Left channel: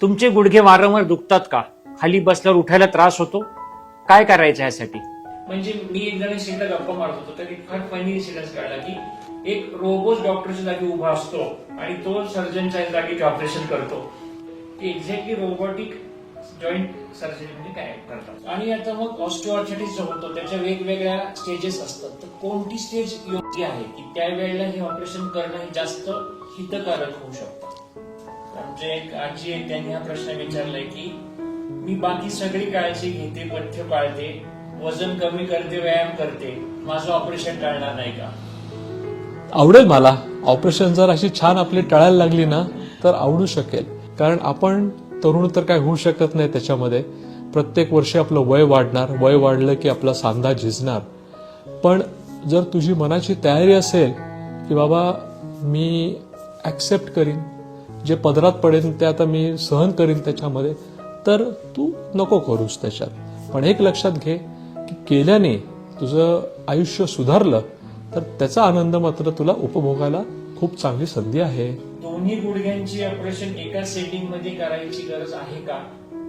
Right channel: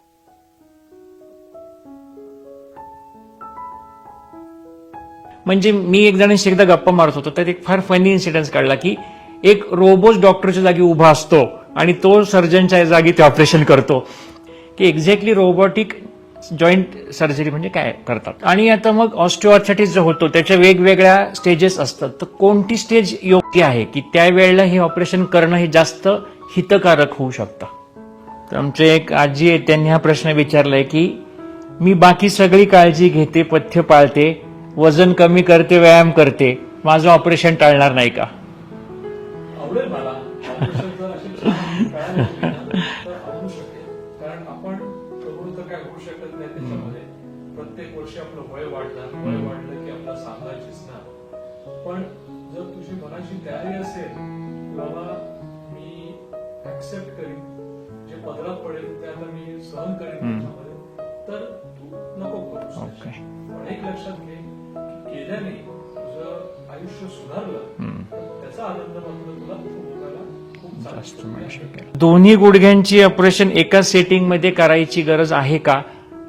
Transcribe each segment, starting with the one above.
तुमचे गुडघे वारंवार दुखतात का? खाली बसल्यावर उठायला त्रास होतो? काय करायचं यासाठी? म्हणजे मी एक जणांशी एकदा गप्पा मारत होतो, तर एक फार फनी इन्सिडेंट काढला की एक रोबोट डॉक्टरच्या जागी उभा असतो आणि तो सर्जनच्या जागी ते ऑपरेशन करतो, की एक्झॅक्टली रोबोटिक जॉईंट सर्जरी म्हणजे काय करतात. आणि आता मग ऑस्टिओआर्थरायटिस जो होतो त्याच्या वेगवेगळ्या स्टेजेस असतात, तर कोणती स्टेज योग्य आहे की त्यावेळेला हे ऑपरेशन करणं हे जास्त हितकारक होऊ शकतं? तर आमचे एक आजी आहे, त्यांनी हा प्रश्न विचारलाय की मी बाकी सगळी काळजी घेते, पथ्य पाळते, वजन कमी करते, व्यायाम करते, माझं ऑपरेशन टाळणार नाही का? आवडेल मला. ऑपरेशन जर अशी छान आपली टळायला लागली ना तर आवडू शकेल. कारण आपण तरुण तर काय होऊ शकत नाही त्याच्यामध्ये. प्रत्येक वर्षी आपलं वय वाढणार, वय वाढलं की आपला सांधा झिजणार. पण जर तुझी मनाची तयारी असेल की बाबा मी ऍक्सेप्ट करीन, जे पदरात पडेल ते आता मी सहन करीन त्याच्यामध्ये, तर तू नको करूस त्याच्यात. पण एक लक्षात घे की केल्याने तुझं आयुष्य सुधारलं तर त्याचा आनंद मात्र तुला उपभोगायला खूप चांगली संधी आहे. दोन्ही गुडघ्यांची ऑपरेशन एका सेटिंग मध्ये करायची गरज आहे का?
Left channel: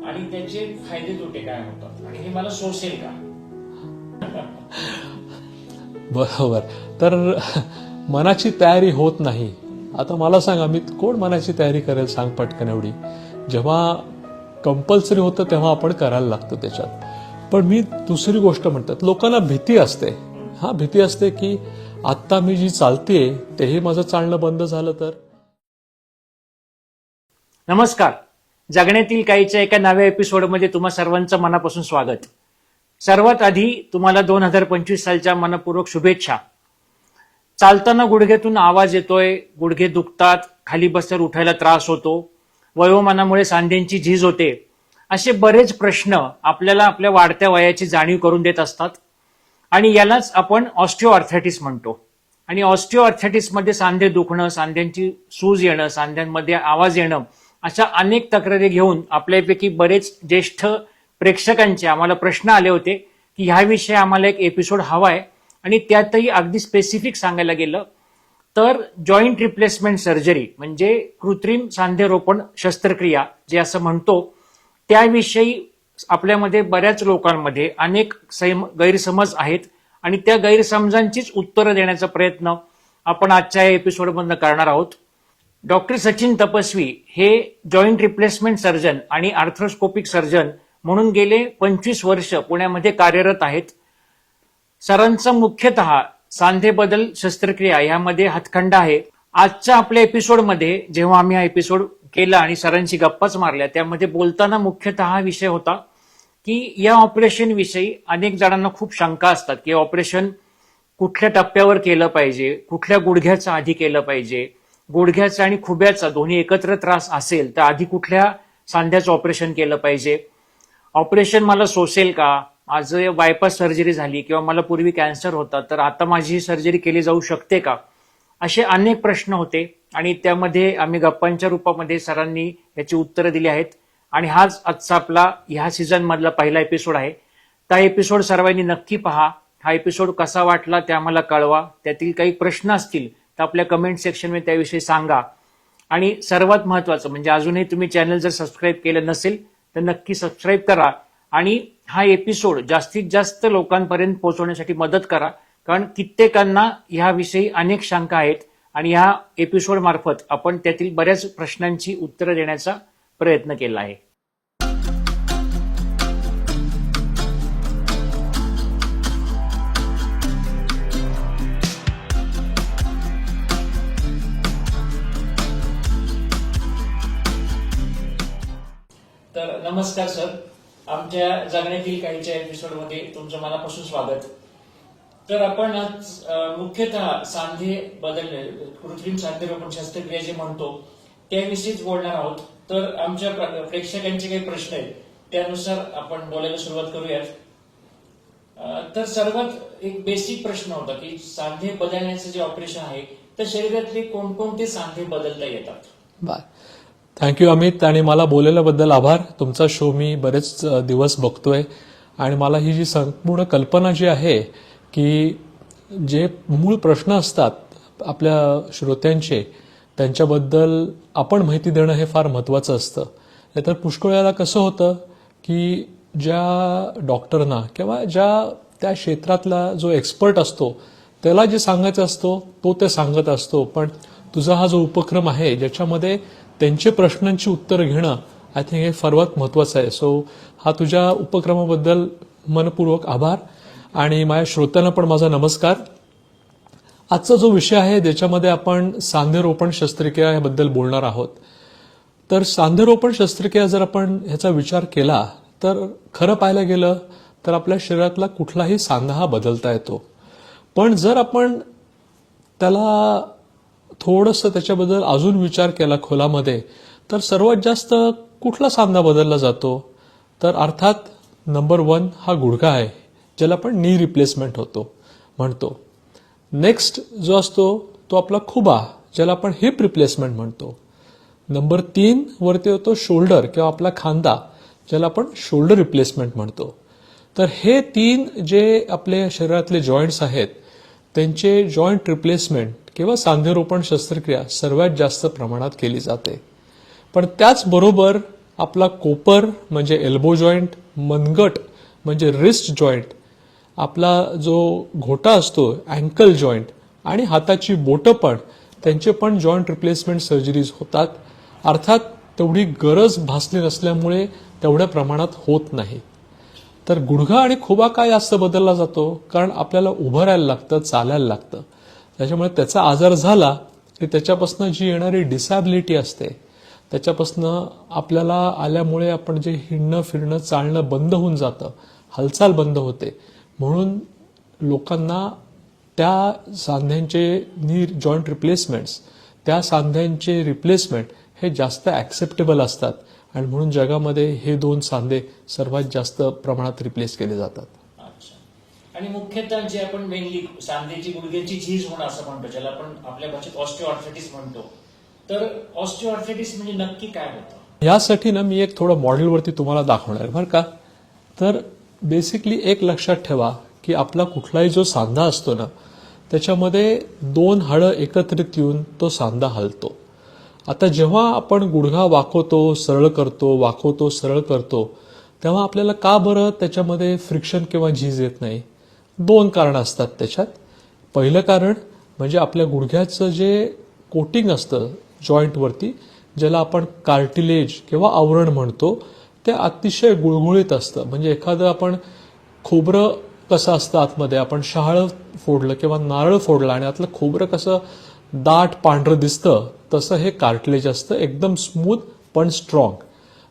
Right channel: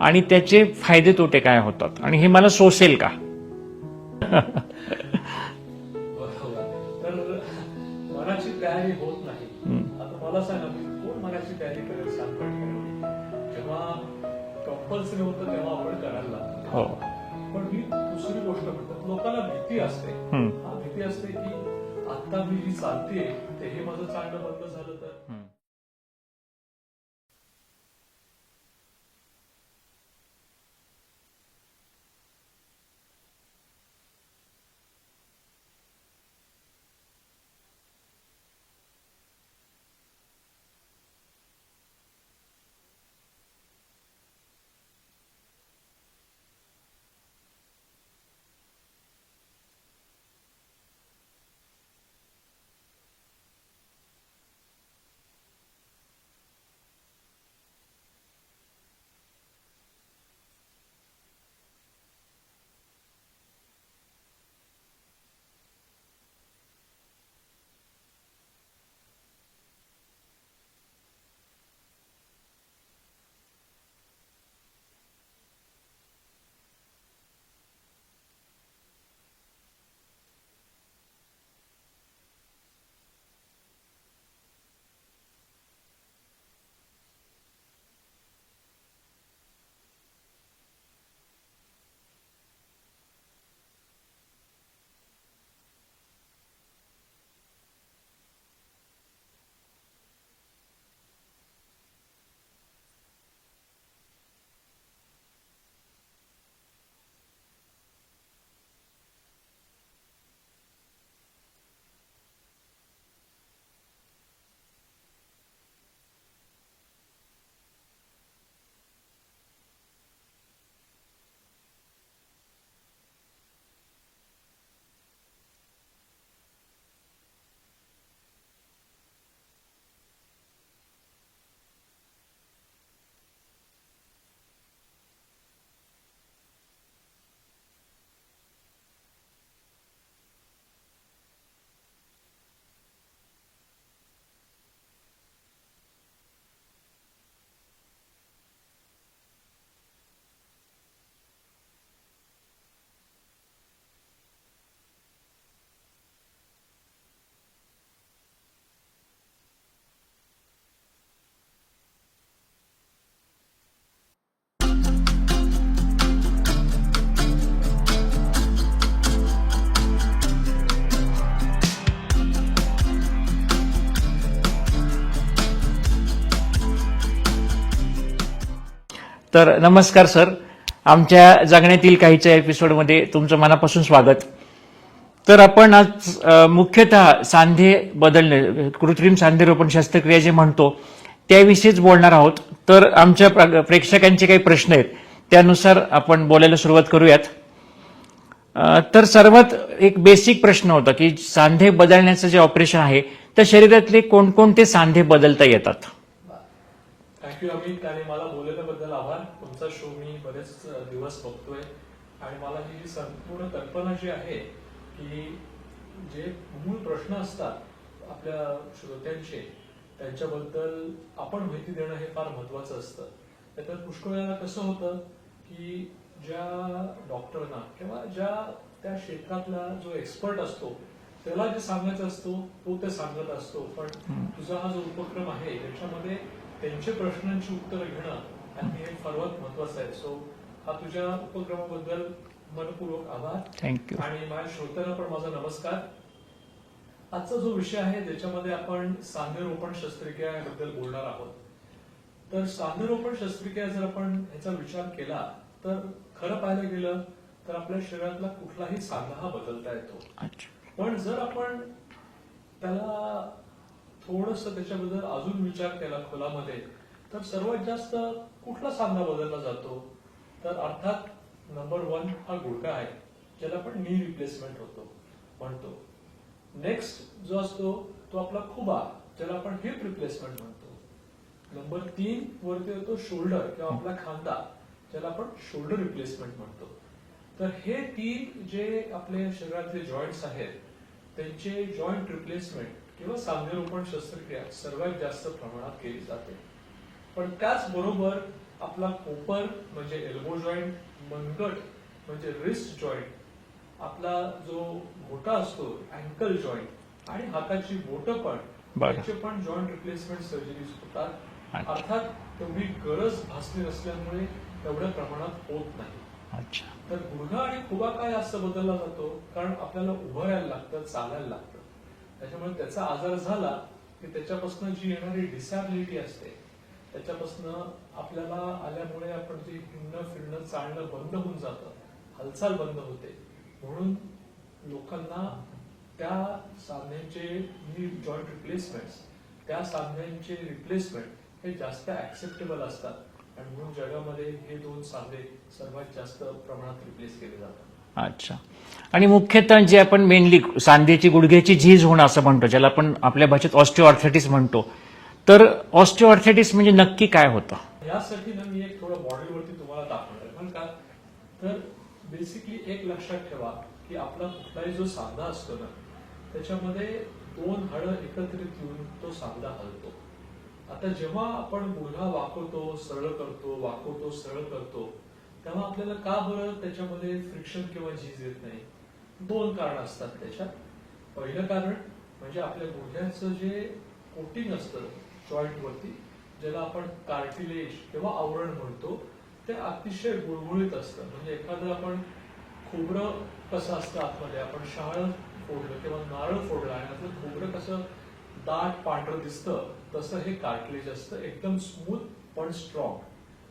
आणि त्याचे फायदे तोटे काय होतात? आणि हे मला सोसेल का? बरोबर. तर मनाची तयारी होत नाही. आता मला सांगा, मी कोण मनाची तयारी करेल सांग पटकन एवढी. जेव्हा कंपल्सरी होतं तेव्हा आपण करायला लागतो त्याच्यावर. पण मी दुसरी गोष्ट म्हणतात, लोकांना भीती असते. हा भीती असते की आता मी जी चालतेय तेही माझं चालणं बंद झालं तर. नमस्कार. जगण्यातील काहीच्या एका नव्या एपिसोडमध्ये तुम्हा सर्वांचं मनापासून स्वागत. सर्वात आधी तुम्हाला 2025 सालच्या मनपूर्वक शुभेच्छा. चालताना गुडघ्यातून आवाज येतोय, गुडघे दुखतात, खाली बसल्यावर उठायला त्रास होतो, वयोमानामुळे सांध्यांची झीज होते, असे बरेच प्रश्न आपल्याला आपल्या वाढत्या वयाची जाणीव करून देत असतात. आणि यालाच आपण ऑस्टिओआर्थरायटिस म्हणतो. आणि ऑस्टिओआर्थरायटिसमध्ये सांधे दुखणं, सांध्यांची सूज येणं, सांध्यांमध्ये आवाज येणं, अशा अनेक तक्रारी घेऊन आपल्यापैकी बरेच ज्येष्ठ प्रेक्षकांचे आम्हाला प्रश्न आले होते की ह्याविषयी आम्हाला एक एपिसोड हवा आहे. आणि त्यातही अगदी स्पेसिफिक सांगायला गेलं तर जॉईंट रिप्लेसमेंट सर्जरी म्हणजे कृत्रिम सांधेरोपण शस्त्रक्रिया जे असं म्हणतो, त्याविषयी आपल्यामध्ये बऱ्याच लोकांमध्ये अनेक गैरसमज आहेत. आणि त्या गैरसमजांचीच उत्तरं देण्याचा प्रयत्न आपण आजच्या या एपिसोडमधून करणार आहोत. डॉक्टर सचिन तपस्वी हे जॉईंट रिप्लेसमेंट सर्जन आणि आर्थ्रोस्कोपिक सर्जन म्हणून गेले 25 वर्ष पुण्यामध्ये कार्यरत आहेत. सरांचा मुख्यतः सांधे बदल शस्त्रक्रिया यामध्ये हातखंडा आहे. आजच्या आपल्या एपिसोडमध्ये जेव्हा आम्ही हा एपिसोड केला आणि सरांशी गप्पाच मारल्या, त्यामध्ये बोलताना मुख्यतः हा विषय होता की या ऑपरेशन विषयी अनेक जणांना खूप शंका असतात की ऑपरेशन कुठल्या टप्प्यावर केलं पाहिजे, कुठल्या गुडघ्याचं आधी केलं पाहिजे, गुडघ्याचा आणि खुब्याचा दोन्ही एकत्र त्रास असेल तर आधी कुठल्या सांध्याचं ऑपरेशन केलं पाहिजे, ऑपरेशन मला सोसेल का, माझं बायपास सर्जरी झाली किंवा मला पूर्वी कॅन्सर होता तर आता माझी ही सर्जरी केली जाऊ शकते का, असे अनेक प्रश्न होते. आणि त्यामध्ये आम्ही गप्पांच्या रूपामध्ये सरांनी याची उत्तरं दिली आहेत. आणि हाच आजचा आपला ह्या सीझन मधला पहिला एपिसोड आहे. त्या एपिसोड सर्वांनी नक्की पहा. हा एपिसोड कसा वाटला ते आम्हाला कळवा. त्यातील काही प्रश्न असतील तर आपल्या कमेंट सेक्शनमध्ये त्याविषयी सांगा. आणि सर्वात महत्वाचं म्हणजे अजूनही तुम्ही चॅनल जर सबस्क्राईब केलं नसेल तर नक्की सबस्क्राईब करा आणि हा एपिसोड जास्तीत जास्त लोकांपर्यंत पोहोचवण्यासाठी मदत करा. कारण कित्येकांना ह्याविषयी अनेक शंका आहेत आणि ह्या एपिसोड मार्फत आपण त्यातील बऱ्याच प्रश्नांची उत्तरं देण्याचा प्रयत्न केला आहे. तर नमस्कार सर, आमच्या जगण्यातील काहीच्या एपिसोडमध्ये तुमचं मनापासून स्वागत. तर आपण आज मुख्यतः सांधे बदलणे, कृत्रिम सांधेरोपण शस्त्रक्रिया जे म्हणतो त्याविषयीच बोलणार आहोत. तर आमच्या प्रेक्षकांचे काही प्रश्न आहेत त्यानुसार आपण बोलायला सुरुवात करूयात. तर सर्वात एक बेसिक प्रश्न होता की सांधे बदलण्याचं जे ऑपरेशन आहे तर शरीरातले कोणकोणते सांधे बदलता येतात? थँक्यू अमित, आणि मला बोलल्याबद्दल आभार. तुमचा शो मी बरेच दिवस बघतोय आणि मला ही जी संपूर्ण कल्पना जी आहे की जे मूळ प्रश्न असतात आपल्या श्रोत्यांचे त्यांच्याबद्दल आपण माहिती देणं हे फार महत्त्वाचं असतं. नाहीतर पुष्कळ वेळेला कसं होतं की ज्या डॉक्टरना किंवा त्या क्षेत्रातला जो एक्सपर्ट असतो त्याला जे सांगायचं असतो तो ते सांगत असतो, पण तुझा हा जो उपक्रम आहे ज्याच्यामध्ये त्यांचे प्रश्नांची उत्तरं घेणं, आय थिंक हे सर्वात महत्वाचं आहे. सो हा तुझ्या उपक्रमाबद्दल मनपूर्वक आभार. थँक्यू. आणि माझ्या श्रोत्यांना पण माझा नमस्कार. आजचा जो विषय आहे ज्याच्यामध्ये आपण सांधेरोपण शस्त्रक्रिया याबद्दल बोलणार आहोत. तर सांधेरोपण शस्त्रक्रिया जर आपण ह्याचा विचार केला तर खरं पाहायला गेलं तर आपल्या शरीरातला कुठलाही सांधा हा बदलता येतो, पण जर आपण त्याला थोडंसं त्याच्याबद्दल अजून विचार केला खोलामध्ये तर सर्वात जास्त कुठला सांधा बदलला जातो, तर अर्थात नंबर 1 हा गुडघा आहे ज्याला आपण नी रिप्लेसमेंट म्हणतो. नेक्स्ट जो असतो तो आपला खुबा ज्याला आपण हिप रिप्लेसमेंट म्हणतो. नंबर 3 वरती होतो शोल्डर किंवा आपला खांदा ज्याला आपण शोल्डर रिप्लेसमेंट म्हणतो. तर हे 3 जे आपले शरीरातले जॉईंट्स आहेत त्यांचे जॉईंट रिप्लेसमेंट किंवा सांधेरोपण शस्त्रक्रिया सर्वात जास्त प्रमाणात केली जाते. पण त्याचबरोबर आपला कोपर म्हणजे एल्बो जॉईंट, मनगट म्हणजे रिस्ट जॉईंट, आपला जो घोटा असतो अँकल जॉईंट आणि हाताची बोटं पण त्यांचे पण जॉईंट रिप्लेसमेंट सर्जरीज होतात. अर्थात तेवढी गरज भासली नसल्यामुळे तेवढ्या प्रमाणात होत नाही. तर गुडघा आणि खुबा काय जास्त बदलला जातो, कारण आपल्याला उभं राहायला लागतं, चालायला लागतं. त्याच्यामुळे त्याचा आजार झाला की त्याच्यापासून जी येणारी डिसॅबिलिटी असते त्याच्यापासून आपल्याला आल्यामुळे आपण जे हिंडणं फिरणं चालणं बंद होऊन जातं, हालचाल बंद होते. म्हणून लोकांना त्या सांध्यांचे नी जॉईंट रिप्लेसमेंट्स, त्या सांध्यांचे रिप्लेसमेंट हे जास्त ॲक्सेप्टेबल असतात आणि म्हणून जगामध्ये हे 2 सांधे सर्वात जास्त प्रमाणात रिप्लेस केले जातात. अच्छा. आणि मुख्यतः जे आपण मेनली सांधेची गुडघ्याची झीज होणं असं म्हणतो, ज्याला आपण आपल्या भाषेत ऑस्टिओआर्थरायटिस म्हणतो, तर ऑस्टिओआर्थरायटिस म्हणजे नक्की काय होतं? यासाठी ना मी एक थोडं मॉडेलवरती तुम्हाला दाखवणार बरं का. तर बेसिकली एक लक्षात ठेवा की आपला कुठलाही जो सांधा असतो ना त्याच्यामध्ये 2 हाडं एकत्रित येऊन तो सांधा हलतो. आता जेव्हा आपण गुडघा वाकवतो सरळ करतो, वाकवतो सरळ करतो, तेव्हा आपल्याला का बरं त्याच्यामध्ये फ्रिक्शन किंवा झीज येत नाही? 2 कारणं असतात त्याच्यात. पहिलं कारण म्हणजे आपल्या गुडघ्याचं जे कोटिंग असतं जॉईंटवरती ज्याला आपण कार्टिलेज किंवा आवरण म्हणतो ते अतिशय गुळगुळीत असतं. म्हणजे एखादं आपण खोबरं कसं असतं आतमध्ये, आपण शहाळं फोडलं किंवा नारळ फोडलं आणि आतलं खोबरं कसं दाट पांढरं दिसतं तसं हे कार्टिलेज असतं, एकदम स्मूथ पण स्ट्रॉंग.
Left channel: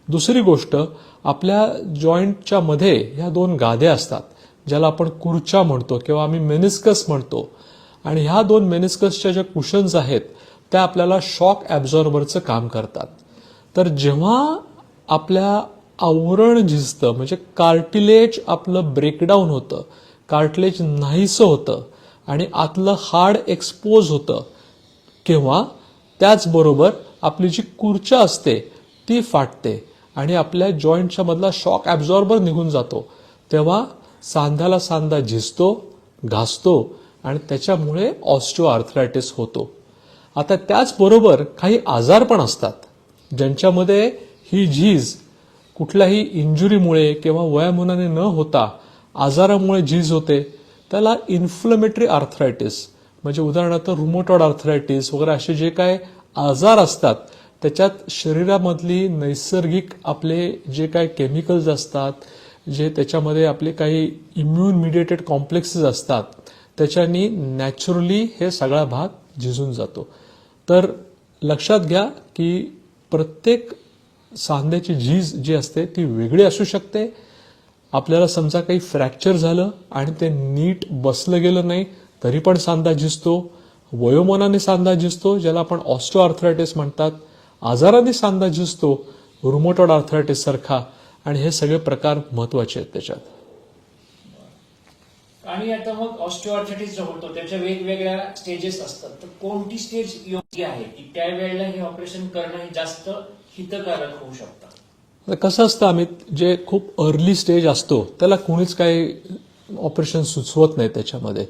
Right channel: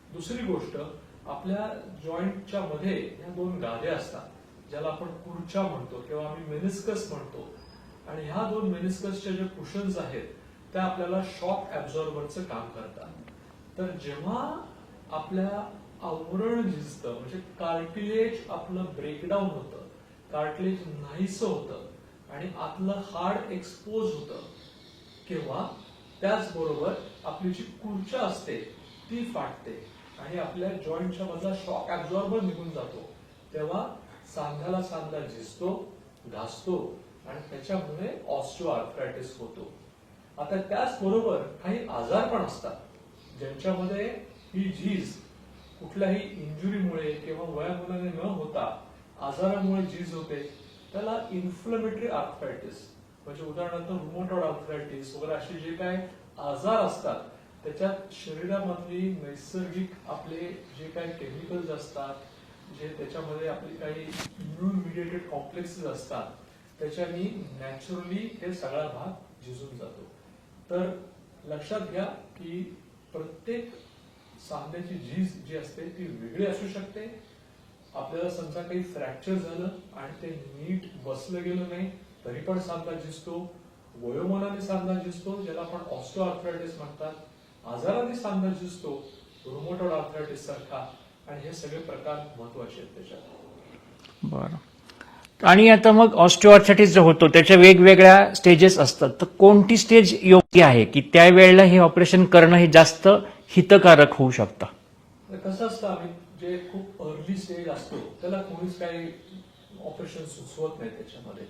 दुसरी गोष्ट, आपल्या जॉईंटच्या मध्ये ह्या 2 गाद्या असतात ज्याला आपण कुर्चा म्हणतो किंवा आम्ही मेनिस्कस म्हणतो. आणि ह्या 2 मेनिस्कसच्या ज्या कुशन्स आहेत त्या आपल्याला शॉक ॲब्झॉर्बरचं काम करतात. तर जेव्हा आपल्या आवरण झिजतं म्हणजे कार्टिलेज आपलं ब्रेकडाऊन होतं, कार्टिलेज नाहीसं होतं आणि आतलं हाड एक्सपोज होतं, किंवा त्याचबरोबर आपली जी कुर्चा असते ती फाटते आणि आपल्या जॉईंटच्या मधला शॉक ॲब्झॉर्बर निघून जातो, तेव्हा सांध्याला सांधा झिजतो, घासतो आणि त्याच्यामुळे ऑस्टिओआर्थरायटिस होतो. आता त्याचबरोबर काही आजार पण असतात ज्यांच्यामध्ये ही झीज कुठल्याही इंजुरीमुळे किंवा वयामानाने न होता आजारामुळे झीज होते. त्याला इन्फ्लमेटरी आर्थरायटिस म्हणजे उदाहरणार्थ रुमोटॉइड आर्थरायटिस वगैरे असे जे काय आजार असतात त्याच्यात शरीरामधली नैसर्गिक आपले जे काय केमिकल्स असतात, जे त्याच्यामध्ये आपले काही इम्युन मिडिएटेड कॉम्प्लेक्सेस असतात त्याच्यानी नॅचरली हे सगळा भाग झिजून जातो. तर लक्षात घ्या की प्रत्येक सांध्याची झीज जी असते ती वेगळी असू शकते. आपल्याला समजा काही फ्रॅक्चर झालं आणि ते नीट बसलं गेलं नाही तरी पण सांधा झिजतो, वयोमानाने सांधा झिजतो ज्याला आपण ऑस्टिओआर्थरायटिस म्हणतात, आजाराने सांधा झिजतो रुमोटॉइड आर्थरायटिस सारखा, आणि हे सगळे प्रकार महत्वाचे आहेत त्याच्यात. बरं. आणि आता मग ऑस्टिओआर्थरायटिस जो होतो त्याच्या वेगवेगळ्या स्टेजेस असतात, तर कोणती स्टेज योग्य आहे की त्यावेळेला हे ऑपरेशन करणं हे जास्त हितकारक होऊ शकतं? कसं असतं अमित, जे खूप अर्ली स्टेज असतो त्याला कोणीच काही ऑपरेशन सुचवत नाही त्याच्यामध्ये,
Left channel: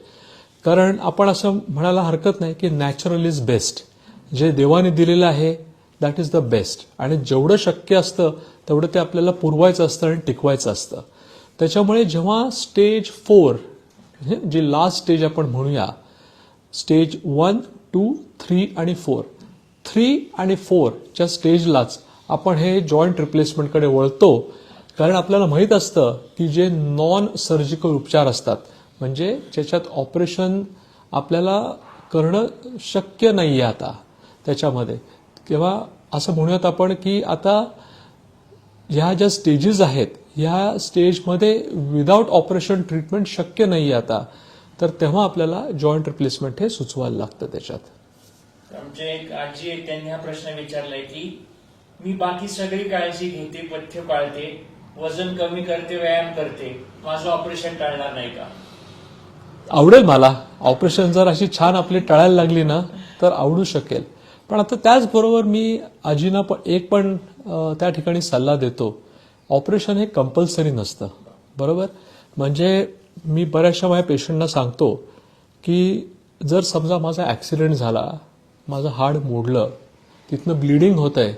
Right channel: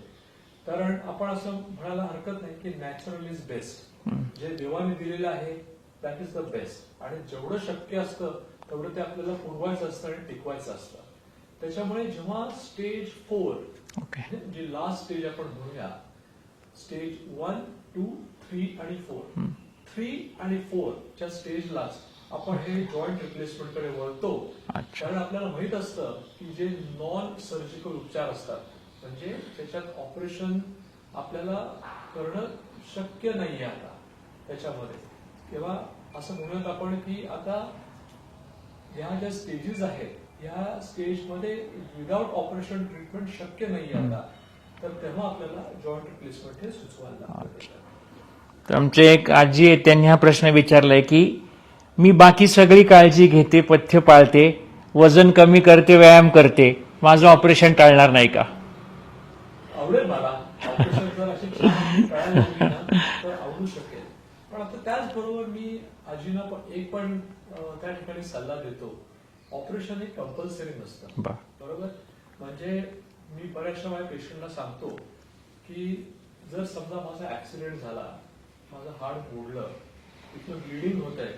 कारण आपण असं म्हणायला हरकत नाही की नॅचरल इज बेस्ट. जे देवाने दिलेलं आहे दॅट इज द बेस्ट. आणि जेवढं शक्य असतं तेवढं ते आपल्याला पुरवायचं असतं आणि टिकवायचं असतं. त्याच्यामुळे जेव्हा स्टेज 4 जी लास्ट स्टेज आपण म्हणूया, स्टेज 1, 2, 3 आणि 4, 3 आणि 4 च्या स्टेजलाच आपण हे जॉईंट रिप्लेसमेंटकडे वळतो. कारण आपल्याला माहीत असतं की जे नॉन सर्जिकल उपचार असतात, म्हणजे ज्याच्यात ऑपरेशन आपल्याला करणं शक्य नाही आहे आता त्याच्यामध्ये, किंवा असं म्हणूयात आपण की आता ह्या ज्या स्टेजेस आहेत ह्या स्टेजमध्ये विदाऊट ऑपरेशन ट्रीटमेंट शक्य नाही आहे आता, तर तेव्हा आपल्याला जॉईंट रिप्लेसमेंट हे सुचवायला लागतं त्याच्यात. तर आमचे एक आजी आहे, त्यांनी हा प्रश्न विचारलाय की मी बाकी सगळी काळजी घेते, पथ्य पाळते, वजन कमी करते, व्यायाम करते, माझं ऑपरेशन टाळणार नाही का? आवडेल मला. ऑपरेशन जर अशी छान आपली टाळायला लागली ना तर आवडू शकेल. पण आता त्याचबरोबर मी आजीना पण त्या ठिकाणी सल्ला देतो, ऑपरेशन हे कंपल्सरी नसतं. बरोबर. म्हणजे मी बऱ्याचशा माझ्या पेशंटना सांगतो की जर समजा माझा ॲक्सिडेंट झाला, माझं हाड मोडलं, तिथनं ब्लिडिंग होत आहे,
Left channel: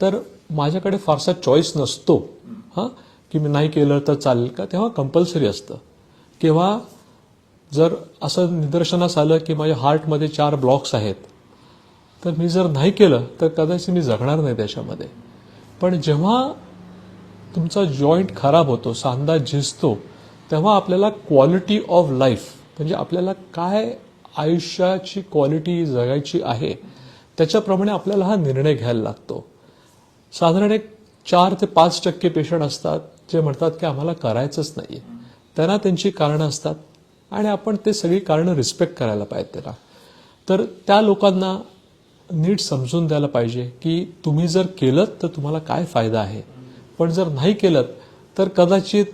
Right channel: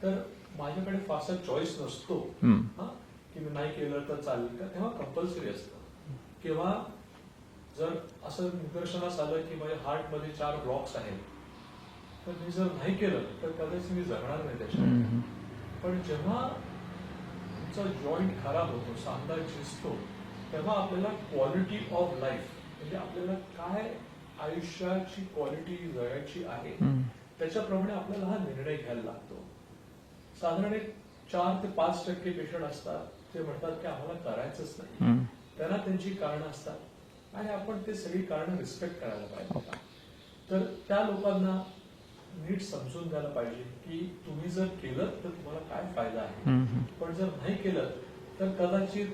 तर माझ्याकडे फारसा चॉईस नसतो हां की मी नाही केलं तर चालेल का, तेव्हा कंपल्सरी असतं. किंवा जर असं निदर्शनास आलं की माझ्या हार्टमध्ये 4 ब्लॉक्स आहेत, तर मी जर नाही केलं तर कदाचित मी जगणार नाही त्याच्यामध्ये. पण जेव्हा तुमचा जॉईंट खराब होतो, सांधा झिजतो, तेव्हा आपल्याला क्वालिटी ऑफ लाईफ, म्हणजे आपल्याला काय आयुष्याची क्वालिटी जगायची आहे त्याच्याप्रमाणे आपल्याला हा निर्णय घ्यायला लागतो. साधारण एक 4 ते 5% पेशंट असतात जे म्हणतात की आम्हाला करायचंच नाहीये. त्यांना त्यांची कारणं असतात आणि आपण ते सगळी कारणं रिस्पेक्ट करायला पाहिजे त्याला. तर त्या लोकांना नीट समजून द्यायला पाहिजे की तुम्ही जर केलं तर तुम्हाला काय फायदा आहे, पण जर नाही केलं तर कदाचित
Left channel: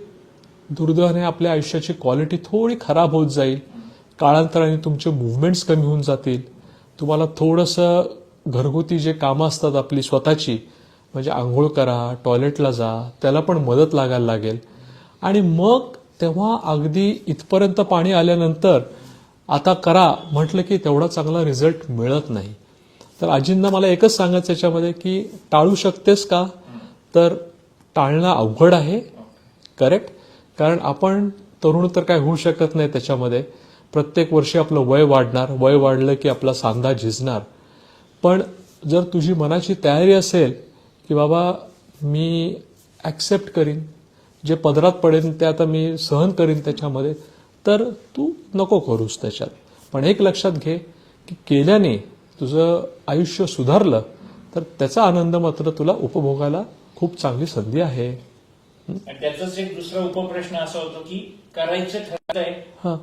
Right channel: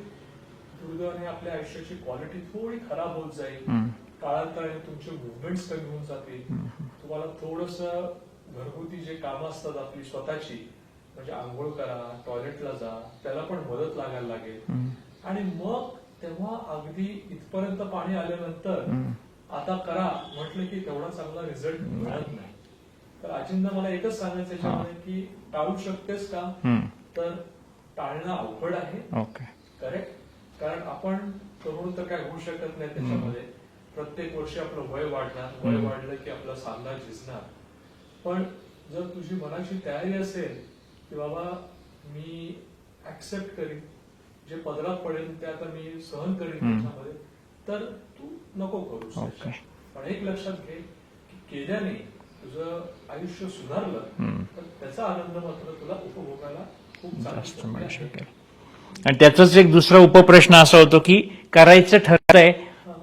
दुर्दैवाने आपल्या आयुष्याची क्वालिटी थोडी खराब होत जाईल. काळांतराने तुमचे मुवमेंट्स कमी होऊन जातील. तुम्हाला थोडंसं घरगुती जे कामं असतात आपली स्वतःची, म्हणजे आंघोळ करा, टॉयलेटला जा, त्याला पण मदत लागायला लागेल. आणि मग तेव्हा अगदी इथपर्यंत पाणी आल्यानंतर आता करा म्हटलं की तेवढा चांगला रिझल्ट मिळत नाही. तर आजींना मला एकच सांगायचं याच्यामध्ये की टाळू शकतेस का, तर टाळणं अवघड आहे. करेक्ट. कारण आपण तरुण तर काय होऊ शकत नाही त्याच्यामध्ये. प्रत्येक वर्षी आपलं वय वाढणार, वय वाढलं की आपला सांधा झिजणार. पण जर तुझी मनाची तयारी असेल की बाबा मी ॲक्सेप्ट करीन, जे पदरात पडेल ते आता मी सहन करीन त्याच्यामध्ये, तर तू नको करूस त्याच्यात. पण एक लक्षात घे की केल्याने तुझं आयुष्य सुधारलं तर त्याचा आनंद मात्र तुला उपभोगायला खूप चांगली संधी आहे. आणि त्याचाच एक दुसरा उपप्रश्न असा होतो की करायचं ठरतंय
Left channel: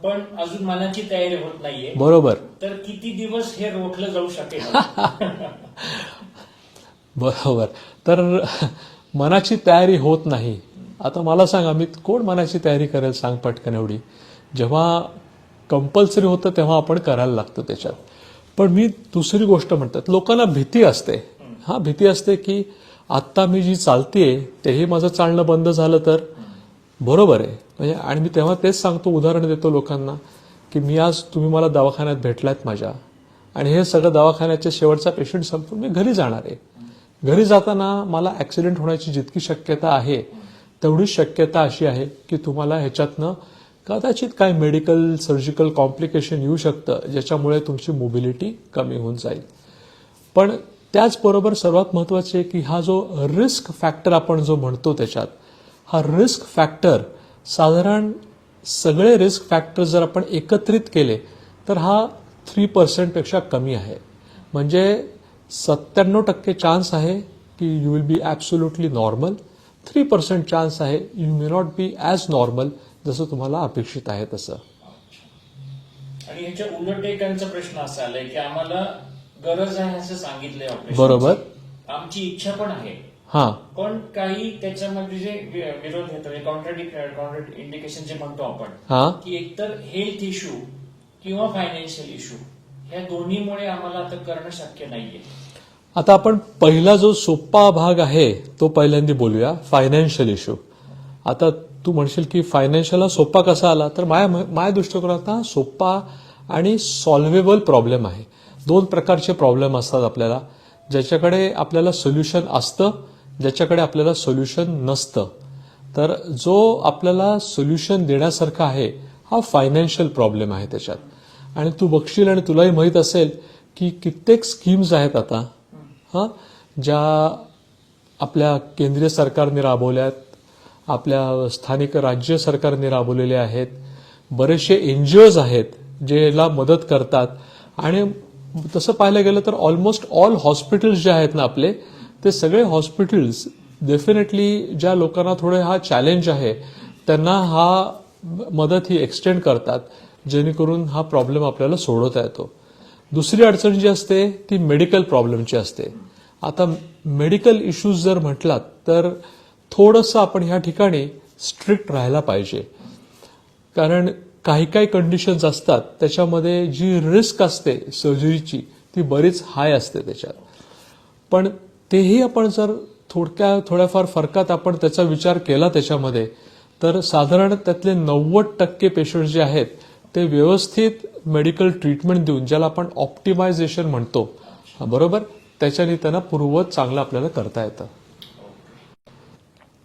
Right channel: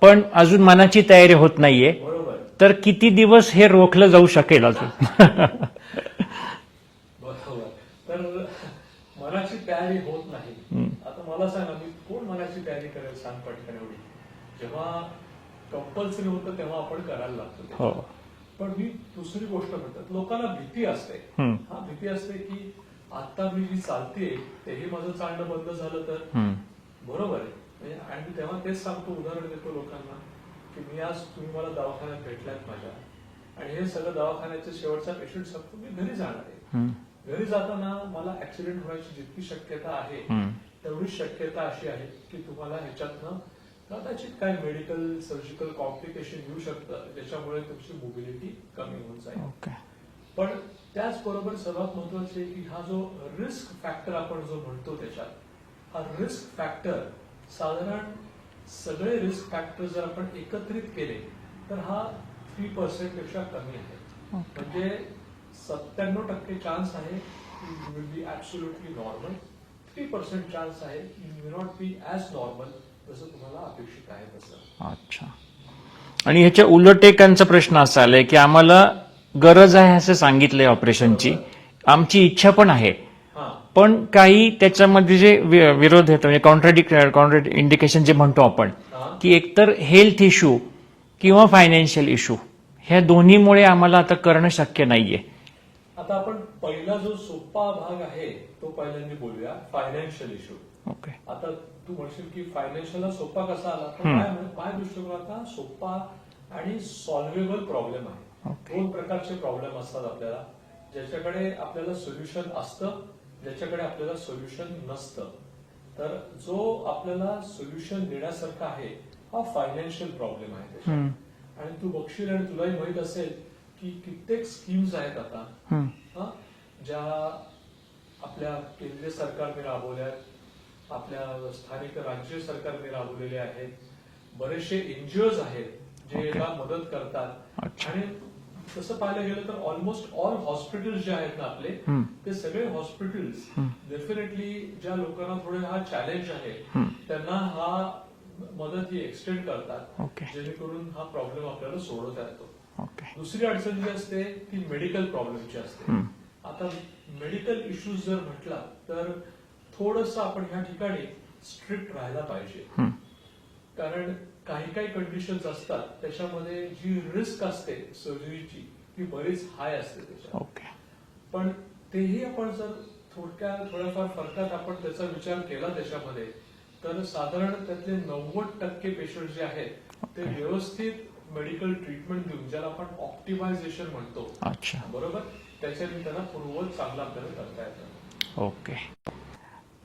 पण अजून मनाची तयारी होत नाहीये, बरोबर. तर किती दिवस हे रोखलं जाऊ शकेल अजून? बरोबर. तर मनाची तयारी होत नाही. आता मला सांगा, मी कोण मनाची तयारी करेल सांग पटकन एवढी. जेव्हा कंपल्सरी होतं तेव्हा आपण करायला लागतो त्याच्यात. पण मी दुसरी गोष्ट म्हणतात, लोकांना भीती असते. हा भीती असते की आत्ता मी जी चालतेय तेही माझं चालणं बंद झालं तर. बरोबर आहे. म्हणजे आणि मी तेव्हा तेच सांगतो, उदाहरण देतो लोकांना की मी आज, तुम्ही मला दवाखान्यात भेटलायत माझ्या, आणि हे सगळं दवाखान्याच्या शेवटचा पेशंट संपून मी घरी जाणार आहे. घरी जाताना मला ऍक्सिडेंट होण्याची जितकी शक्यता आहे तेवढीच शक्यता अशी आहे की तुम्हाला ह्याच्यातनं कदाचित काय मेडिकल सर्जिकल कॉम्प्लिकेशन येऊ शकतं, ज्याच्यामुळे तुमची मोबिलिटी कमी होऊन जाईल. पण त्याचबरोबर सर्वात महत्वाचे आहे की हा जो रिस्क फॅक्टर आपण जो म्हणतो त्याच्यात, हा रिस्क फॅक्टर साधारण सगळे रिस्क फॅक्टर जर आपण एकत्रित केले तर हा 3% पेक्षा कमी आहे. म्हणजे 97% चान्स आहे की you will be absolutely normal. 3% chance आहे you may not be as normal, जसं तुम्हाला अपेक्षित आहे तसं. अच्छा. आणि ह्याच्या उलट एकांचा प्रश्न असा आलाय की आम्हाला गरज आहे असं सांगितलंय ऑपरेशनची, आमची इच्छा पण आहे, पण काही त्याच्यामध्ये जे विरोध येतो, म्हणजे कॉन्ट्रॅडिक्ट इंडिकेशन जे म्हणतो आपण, की एकतर हेल्थ इश्यू किंवा फायनान्शियल इश्यू, ह्या दोन्हीमुळे आम्हाला आता करणं शक्य नाहीये. आता आपण पहिला जो सोपा भाग आहे तो पहिल्यांदा बोलूया, फायनान्शियल इश्यू. आता तू म्हणशील की फायनान्शियलला सोपा कसा आला, तर माझ्या दृष्टिकोनात हा सोपा आणि सॉल्व्हेबल प्रॉब्लेम आहे. 2 प्रकारचे प्रॉब्लेम असतात आपल्याला. ज्याच्याकडे आपल्याला सोल्युशन असतं, ज्याच्याकडे आपल्याला सोल्युशन नसतं. तर जो आपल्याला सोल्युशन देण्यासारखा आहे हा फायनान्शियल प्रॉब्लेम आहे त्याच्यात. आणि तू बघशील आणि तुलाही माहित असेल की कित्येक स्कीम्स आहेत आता हा ज्या आपल्या केंद्रीय सरकारने राबवल्यात, आपल्या स्थानिक राज्य सरकारने राबवलेले आहेत. बरेचसे एनजीओज आहेत जे याला मदत करतात. आणि तसं पाहायला गेलं तर ऑलमोस्ट ऑल हॉस्पिटल्स जे आहेत ना आपले, ते सगळे हॉस्पिटल्स डेफिनेटली ज्या लोकांना थोडे हा चॅलेंज आहे त्यांना हा मदत ही एक्सटेंड करतात, जेणेकरून हा प्रॉब्लेम आपल्याला सोडवता येतो. दुसरी अडचण जी असते ती मेडिकल प्रॉब्लेमची असते. आता मेडिकल इश्यूज जर म्हटलात तर थोडंसं आपण ह्या ठिकाणी स्ट्रिक्ट राहायला पाहिजे. कारण काही काही कंडिशन्स असतात त्याच्यामध्ये जी रिस्क असते सर्जरीची ती बरीच हाय असते त्याच्यात. पण तेही आपण जर थोड्याफार फरकात आपण त्याचा विचार केला त्याच्यामध्ये, तर साधारण त्यातले 90% पेशंट जे आहेत ते व्यवस्थित मेडिकल ट्रीटमेंट देऊन, ज्याला आपण ऑप्टिमायझेशन म्हणतो, बरोबर, त्याच्याने त्यांना पूर्ववत चांगलं आपल्याला करता येतं. ओके.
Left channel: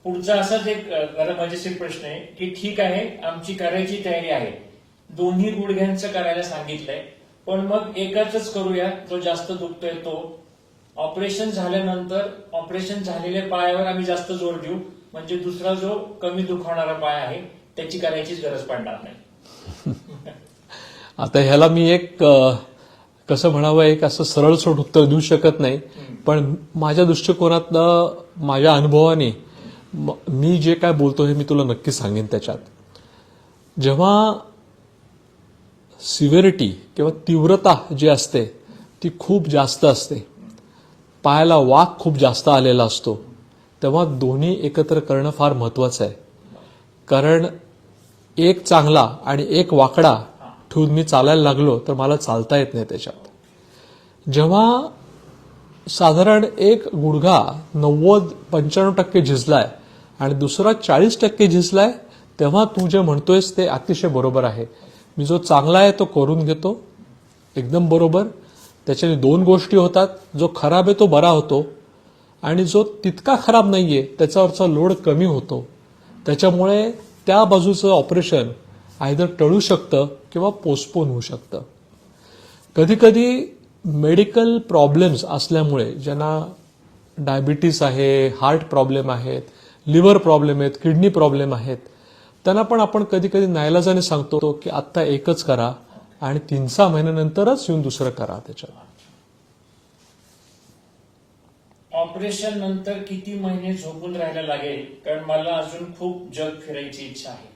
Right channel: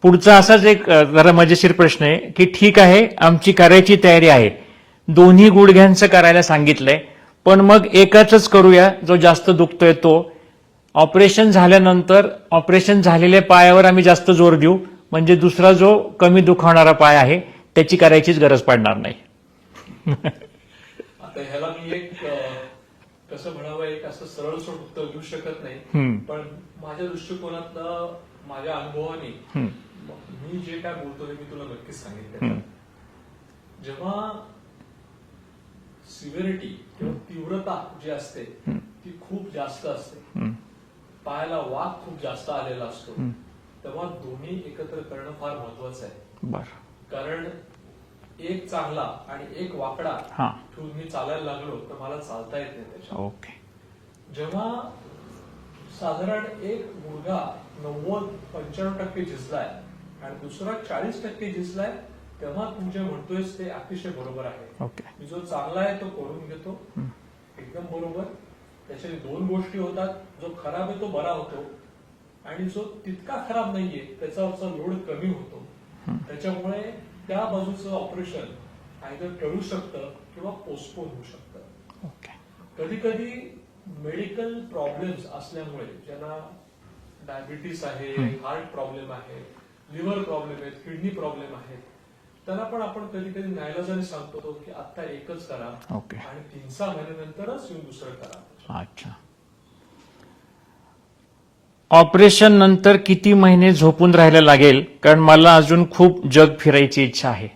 पुढचा असाच एक जरा मजेशीर प्रश्न आहे की ठीक आहे आमची करायची तयारी आहे, दोन्ही गुडघ्यांचं करायला सांगितलंय, पण मग एकाच करूया जो जास्त दुखतोय तो. ऑपरेशन झाल्यानंतर ऑपरेशन झालेल्या पायावर आम्ही जास्त जोर देऊ, म्हणजे दुसरा जो कमी दुखावणारा पाय आहे त्याची करायचीच गरज पडणार नाही. आता ह्याला मी एक कसं म्हणावं, एक असं सरळसोट उत्तर देऊ शकत नाही. पण माझ्या दृष्टिकोनातनं, माझ्या अनुभवाने मी जे काय बोलतो हे मी तुला नक्की सांगेन. त्याच्यात जेव्हा सिव्हिरिटी किंवा तीव्रता जी असते ती खूप जास्त असते, पायाला वाक खूप जास्त आलेला असतो, तेव्हा दोन्ही एकत्र करणं फार महत्वाचं आहे. कारण एक चांगला आणि एक वाकडा ठेवून मी चालायला लागलो तर मला चालता येत नाही त्याच्या. जेव्हा साधारण एक गुडघा 90-95% झिजलाय आणि दुसरा 40% झिजलाय, तेव्हा तू जे म्हणतोयस ते अतिशय बरोबर आहे. मी जो चांगला आहे तो करून घेतो, एकदम बरोबर. त्याच्याने दोन गोष्टी होतात, जो खराब आहे तो बरा होतो आणि जो तितका खराब नाहीये त्याच्यावरचा लोड कमी होतो. त्याच्यामुळे त्या बाजूचं ऑपरेशन आयदर टळू शकतं किंवा पोस्टपोन होऊ शकतं. कधी कधी मेडिकल प्रॉब्लेम्स असल्यामुळे, ज्यांना डायबिटीस आहे, हार्ट प्रॉब्लेम आहेत, लिव्हर प्रॉब्लेम आहेत, किडनी प्रॉब्लेम आहेत, त्यांना पण आपण कधी कधी नाईलाजाने सांगतो की आत्ता एकच करा आणि 3-6 महिन्यानंतरच येऊन दुसरं करा त्याच्या. अच्छा. ऑपरेशन नंतर किती महिने झोपून राहायला लागेल, कारण मला अजून खूप जग फिरायची इच्छा आहे.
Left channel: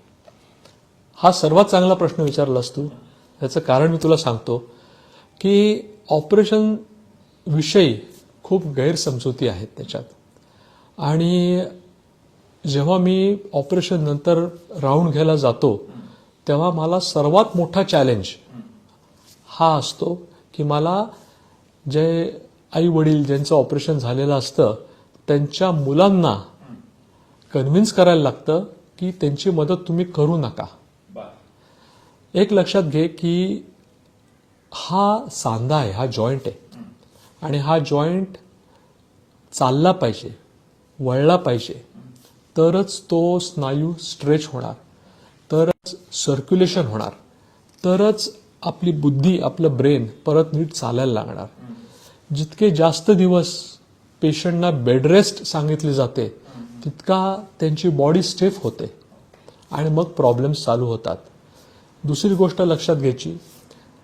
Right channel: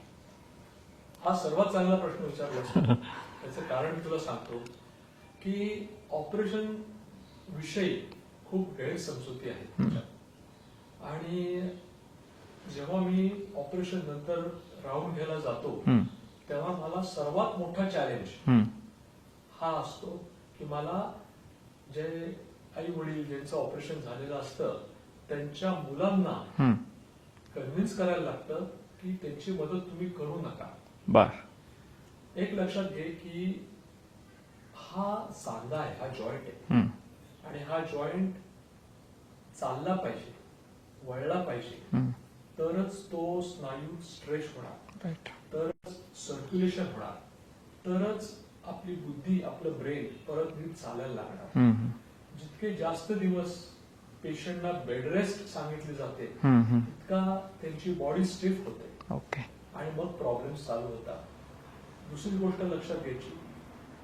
हा सर्वात चांगला प्रश्न विचारलास तू. याचं कारण मी तुला सांगतो की ऑपरेशन विषयी खूप गैरसमजुती आहेत त्याच्यात. आणि जेव्हा मी ऑपरेशन नंतर राऊंड घ्यायला जातो तेव्हा मला सर्वात मोठा चॅलेंज हा असतो की मला जे आई वडील ज्यांचं ऑपरेशन झालेलं असतं त्यांच्या मुलांना कन्व्हिन्स करायला लागतं की त्यांची मदत तुम्ही करू नका. एक लक्षात घे की हा सांधा आहे, हा जॉईंट आहे आणि हा जॉईंट चालला पाहिजे, वळला पाहिजे, तरच तो स्नायू स्ट्रेच होणार, तरच सर्क्युलेशन होणार, तरच आपली बुद्धी, आपलं ब्रेन परत नीट चालायला लागणार. जितके जास्त दिवस पेशंटना बेड रेस्ट सांगितली जाते तितका त्यांची बॉडी स्टिफ होते आणि मग प्रॉब्लेम्स चालू होतात. दुसरी गोष्ट लक्षात घ्यायची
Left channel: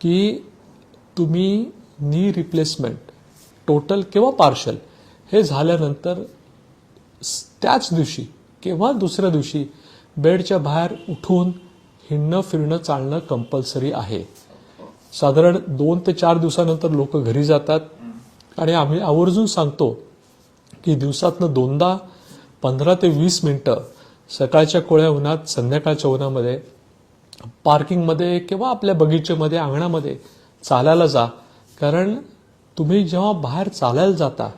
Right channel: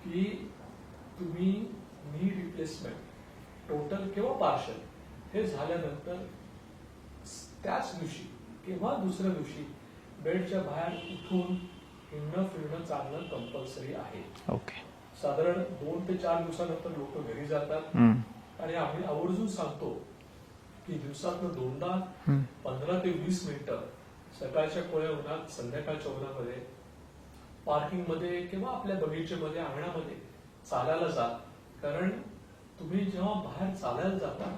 की तुम्ही नी रिप्लेसमेंट टोटल किंवा पार्शल हे झाल्यानंतर त्याच दिवशी किंवा दुसऱ्या दिवशी बेडच्या बाहेर उठून हिंडणं फिरणं चालणं कंपल्सरी आहे. साधारण 2 ते 4 दिवसानंतर लोक घरी जातात आणि आम्ही आवर्जून सांगतो की दिवसातनं 2दा 15 ते 20 मिनिटं सकाळच्या कोळ्या उन्हात, संध्याकाळच्या उन्हामध्ये पार्किंगमध्ये किंवा आपल्या बगीचेमध्ये, अंगणामध्ये चालायला जा. कारण तुम्ही जेव्हा बाहेर चालायला जाता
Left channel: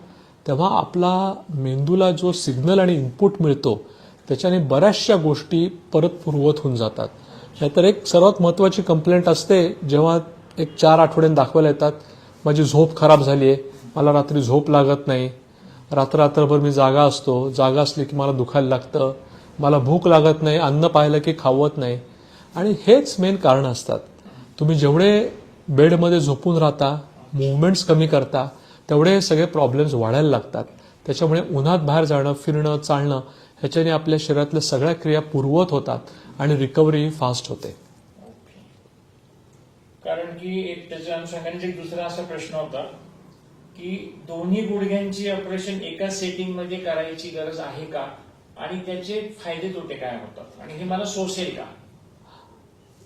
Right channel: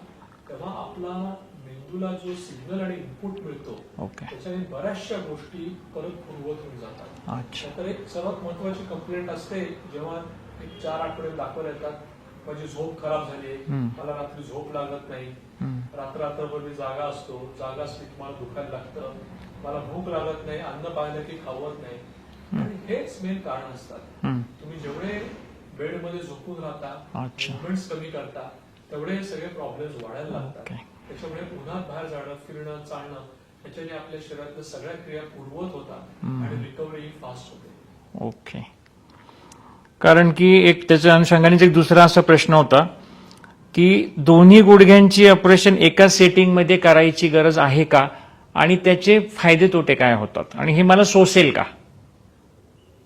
तेव्हा आपला मेंदूला जो सिग्नल आणि इनपुट मिळतो त्याच्याने बऱ्याचशा गोष्टी परत पूर्ववत होऊन जातात. नाहीतर एक सर्वात महत्वाची कंप्लेंट असते जेव्हा एक 4 आठवड्यांनी दाखवायला येतात, माझी झोप खराब झालीये, मला रात्री झोप लागत नाही, रात्रभर मी जागा असतो, जागा असली की मला दुखायला लागतं, मला भूक लागत नाही, अन्न पाहिलं की खावत नाही. आणि हेच मेन कारण असतात. तुम्ही जेवढे बेडमध्ये झोपून राहता, मुवमेंट्स कमी करता, तेवढे सगळे प्रॉब्लेम्स वाढायला लागतात. त्याच्यामुळे उन्हात बाहेर जाणं, फिरणं, चालणं ह्याच्याने आपल्या शरीरातल्या सगळ्या क्रिया पूर्ववत होतात आणि रिकव्हरी फास्ट होते. ओके. कारण की एक त्याच्या अनुषंगाने एक दुसरा असा प्रश्न होता की दोन्ही गुडघ्यांची ऑपरेशन एका सेटिंगमध्ये करायची गरज आहे का, आणि त्याचे फायदे तोटे काय होतात, आणि हे मला सोसेल का?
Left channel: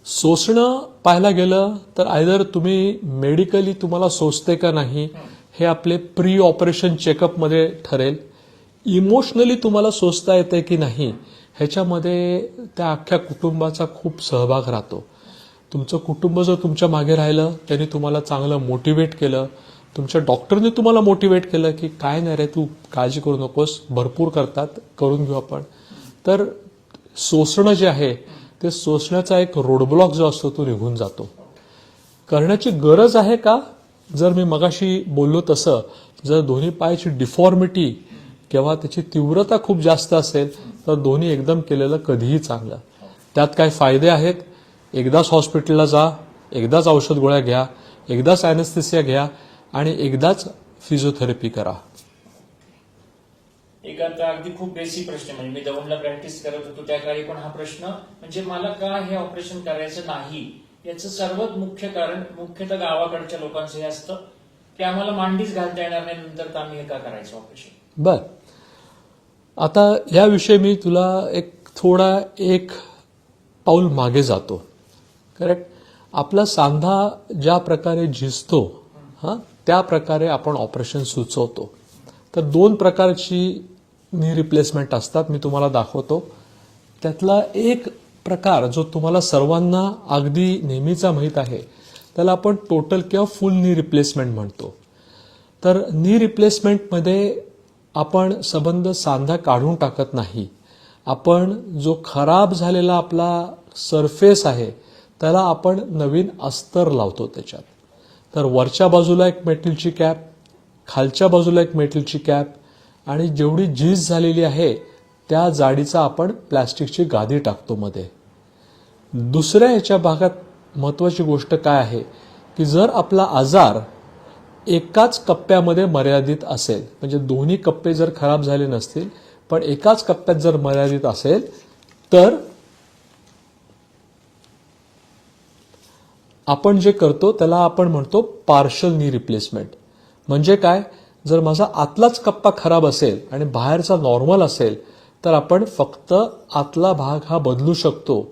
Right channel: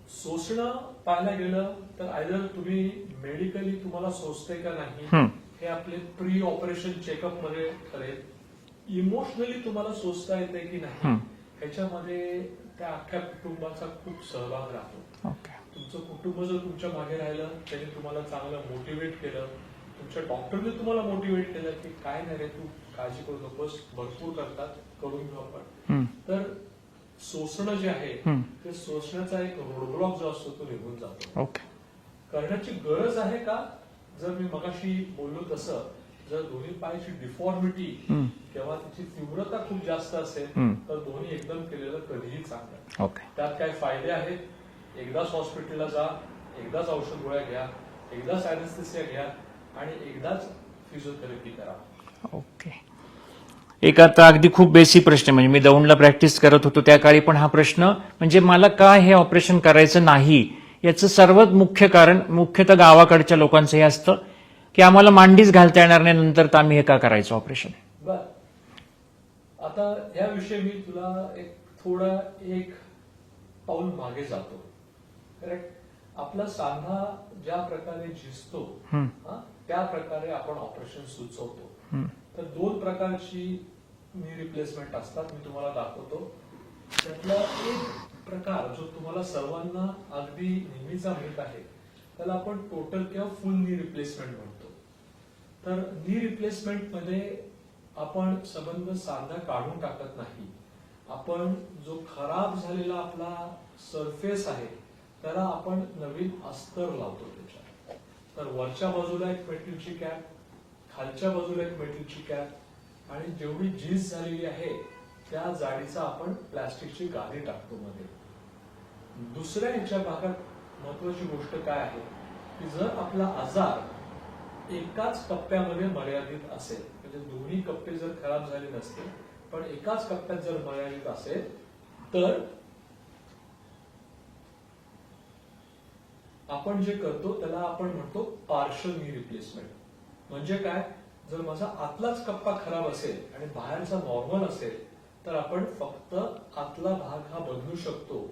सोसणं पाहायला गेलं तर आयदर तुम्ही मेडिकली तुम्हाला सोसते का नाही हे आपले प्री ऑपरेशन चेकअप मध्ये ठरेल. इमोशनली तुम्हाला सोसता येते की नाही ह्याच्यामध्ये त्या अख्ख्या कुटुंबाचा खूप सहभाग राहतो. तुमचं कुटुंब जर तुमच्या मागे राहिलं, त्यांनी तुम्हाला चांगलं मोटिवेट केलं, तुमच्या डॉक्टरने तुम्हाला मोटिवेट केलं की काय नाही रे, तू काळजी करू नकोस, भरपूर करतात, करून घेऊ आपण, तर सोसणं जे आहे ते सोसण्याचा एक रोडब्लॉक जो असतो तो निघून जातो. करण्याची गरज आहे का? जर मी मगाशी बोललो तसं, जर दोन्ही पायाची डिफॉर्मिटी किंवा त्याची तीव्रता खूप जास्त असेल तर दोन्ही एकदम केलेलं कधीही चांगलं. त्यात काय फायदे आहेत? एकदाच हॉस्पिटलला जा, एकदाच औषध गोळ्या घ्या, एकदाच अॅनेस्थेसिया घ्या आणि एकदाच फिजिओथेरपी करा. ओके. एक आता अगदी खूप बेसिक प्रश्न, म्हणजे मी दौंडला प्रॅक्टिस करत होतो त्या काळी पण हा प्रश्न, म्हणजे मला का हे ऑपरेशन करायचं नाही याचं सर्वात मुख्य कारण मुख्यतः गावाकडच्या लोकांचं हे असतं की आम्हाला मांडीच घालता येणार नाही, नंतर तर आम्ही हे का करायचं ऑपरेशन. बर, आता याविषयी मी तुला एक पाऊल मागे जातो. करेक्ट. आपला सांधा ज्या प्रकारे झिजतो त्या प्रकारे आपण ऑपरेशन सुचवतो. तर दोन प्रकारची नी रिप्लेसमेंट असतात, मी तुम्हाला दाखवतो. त्यातला एक प्रकार जो तुम्हाला सर्वांना अगदी नेहमीचा माहीत आहे त्याला आपण टोटल किंवा फुल नी रिप्लेसमेंट म्हणतो. तर नी रिप्लेसमेंटमध्ये आपण संबंध सांधा काढून टाकत नाही, आपण जो खराब झालेला आपला सरफेस आहे त्याला आपण नवीन अस्तर लावतो त्याच्यात. तर वरच्या बाजूला एक मेटलची कॅप, खालच्या बाजूला एक मेटलची कॅप आणि जेवढी झीज झालेली आहे त्या जाडीचा आपण प्लॅस्टिकची गादी टाकतो मध्ये. दुसऱ्या ह्याच्या भागात महत्वाची गोष्ट काय आहे की जर आपला आजार एकाच कप्प्यामध्ये मर्यादित असेल, म्हणजे दोन्ही कप्पे जर खराब झाले नसतील पण एकाच कप्प्यात जर मर्यादित असेल तर आपण जे करतो त्याला आपण म्हणतो पार्शल नी रिप्लेसमेंट. म्हणजे काय, जर माझा आतलाच कप्पा खराब असेल आणि बाहेरचा नॉर्मल असेल तर आपण फक्त आतला भाग हा बदलू शकतो.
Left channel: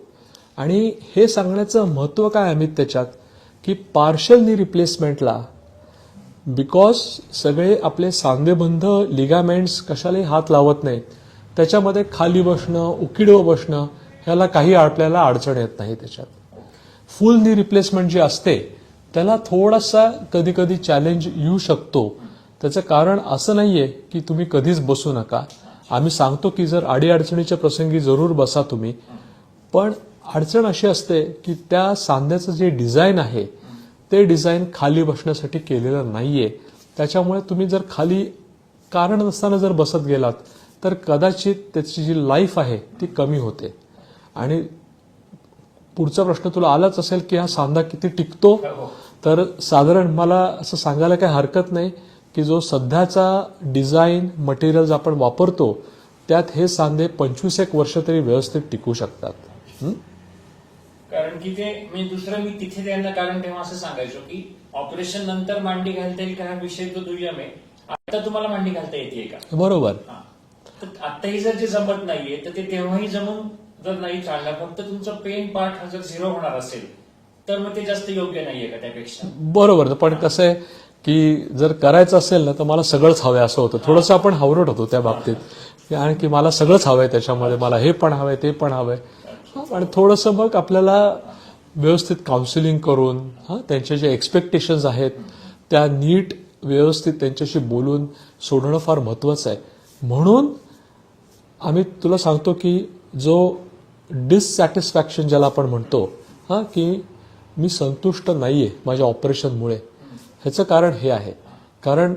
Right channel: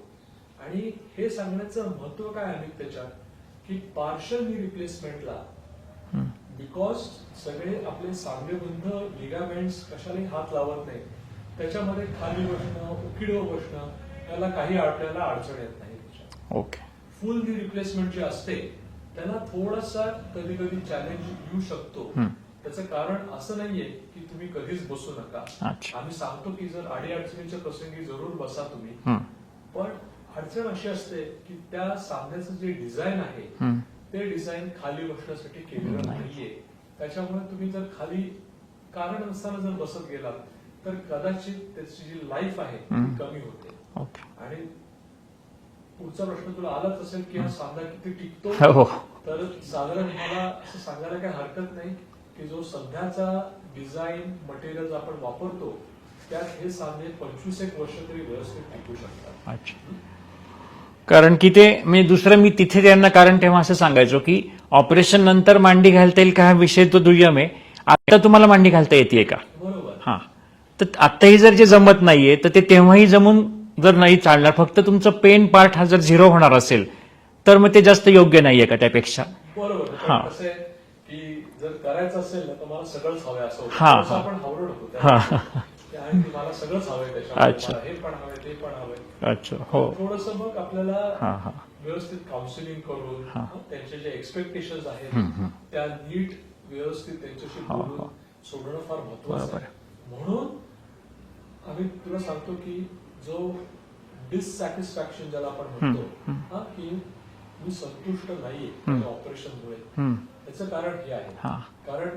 आणि हे सांगण्याचं महत्व काय अमित त्याच्यात की पार्शल नी रिप्लेसमेंटला बिकॉज सगळे आपले सांधेबंध लिगामेंट्स कशालाही हात लावत नाहीत, त्याच्यामध्ये खाली बसणं, उकिडवं बसणं ह्याला काही आपल्याला अडचण येत नाही त्याच्यात. ओके. फुल नी रिप्लेसमेंट जी असते त्याला थोडासा कधी कधी चॅलेंज येऊ शकतो. त्याचं कारण असं नाहीये की तुम्ही कधीच बसू नका. आम्ही सांगतो की जर अडीअडचणीच्या प्रसंगी जरूर बसा तुम्ही, पण अडचण अशी असते की त्या सांध्याचं जे डिझाईन आहे ते डिझाईन खाली बसण्यासाठी केलेलं नाहीये. त्याच्यामुळे तुम्ही जर खाली कारण नसताना जर बसत गेलात तर कदाचित त्याची जी लाईफ आहे ती कमी होते. आणि पुढचा प्रश्न तुला आलाच असेल की हा सांधा किती टिकतो. तर साधारण मला असं सांगायला काही हरकत नाही की जो सध्याचा डिझाईन मटेरियल्स आपण वापरतो त्यात हे सांधे 25 वर्ष तरी व्यवस्थित टिकू शकतात. कारण की ते मी तिथे त्यांना कारण तेव्हा असं सांगायचो की ऑपरेशन नंतर मांडी घालता येईल का हा विषय तो दुय्यम आहे. आता तुम्हाला मांडी घालता येते का? बरोबर. हा, तर आताही जर जे जमत नाहीये तर ते तेव्हाही जमून जर नाही चालणार, फक्त तुमचं पेन पार्ट हा जर 0 होणार असेल तर मग ते जास्त योग्य नाहीये का त्यापेक्षा? बरोबर. पण कसं आहे की जर करायचं असेल ना तर मला सगळंच हवंय असं होतं. थोडंसं आपण हावरट होतो त्या बाबतीत, आणि की मला सगळंच हवंय त्याच्यामध्ये, मला हे पण हवंय ते पण हवंय. आणि थोडंसं मग आपल्याला व्यवस्थित काउन्सिलिंग करून त्यांचे जे एक्सपेक्टेशन्स आहेत त्या नीट व्यवस्थित त्यांच्याशी बोलून सोडणं फार महत्वाचं आहे. म्हणून आम्ही तुला सांगतो की जो डिससॅटिस्फॅक्शन ज्याला आपण म्हणतो की मी संतुष्ट नाहीये माझ्या ऑपरेशनमुळे, ह्याचं कारण हे आहे. हा. कारण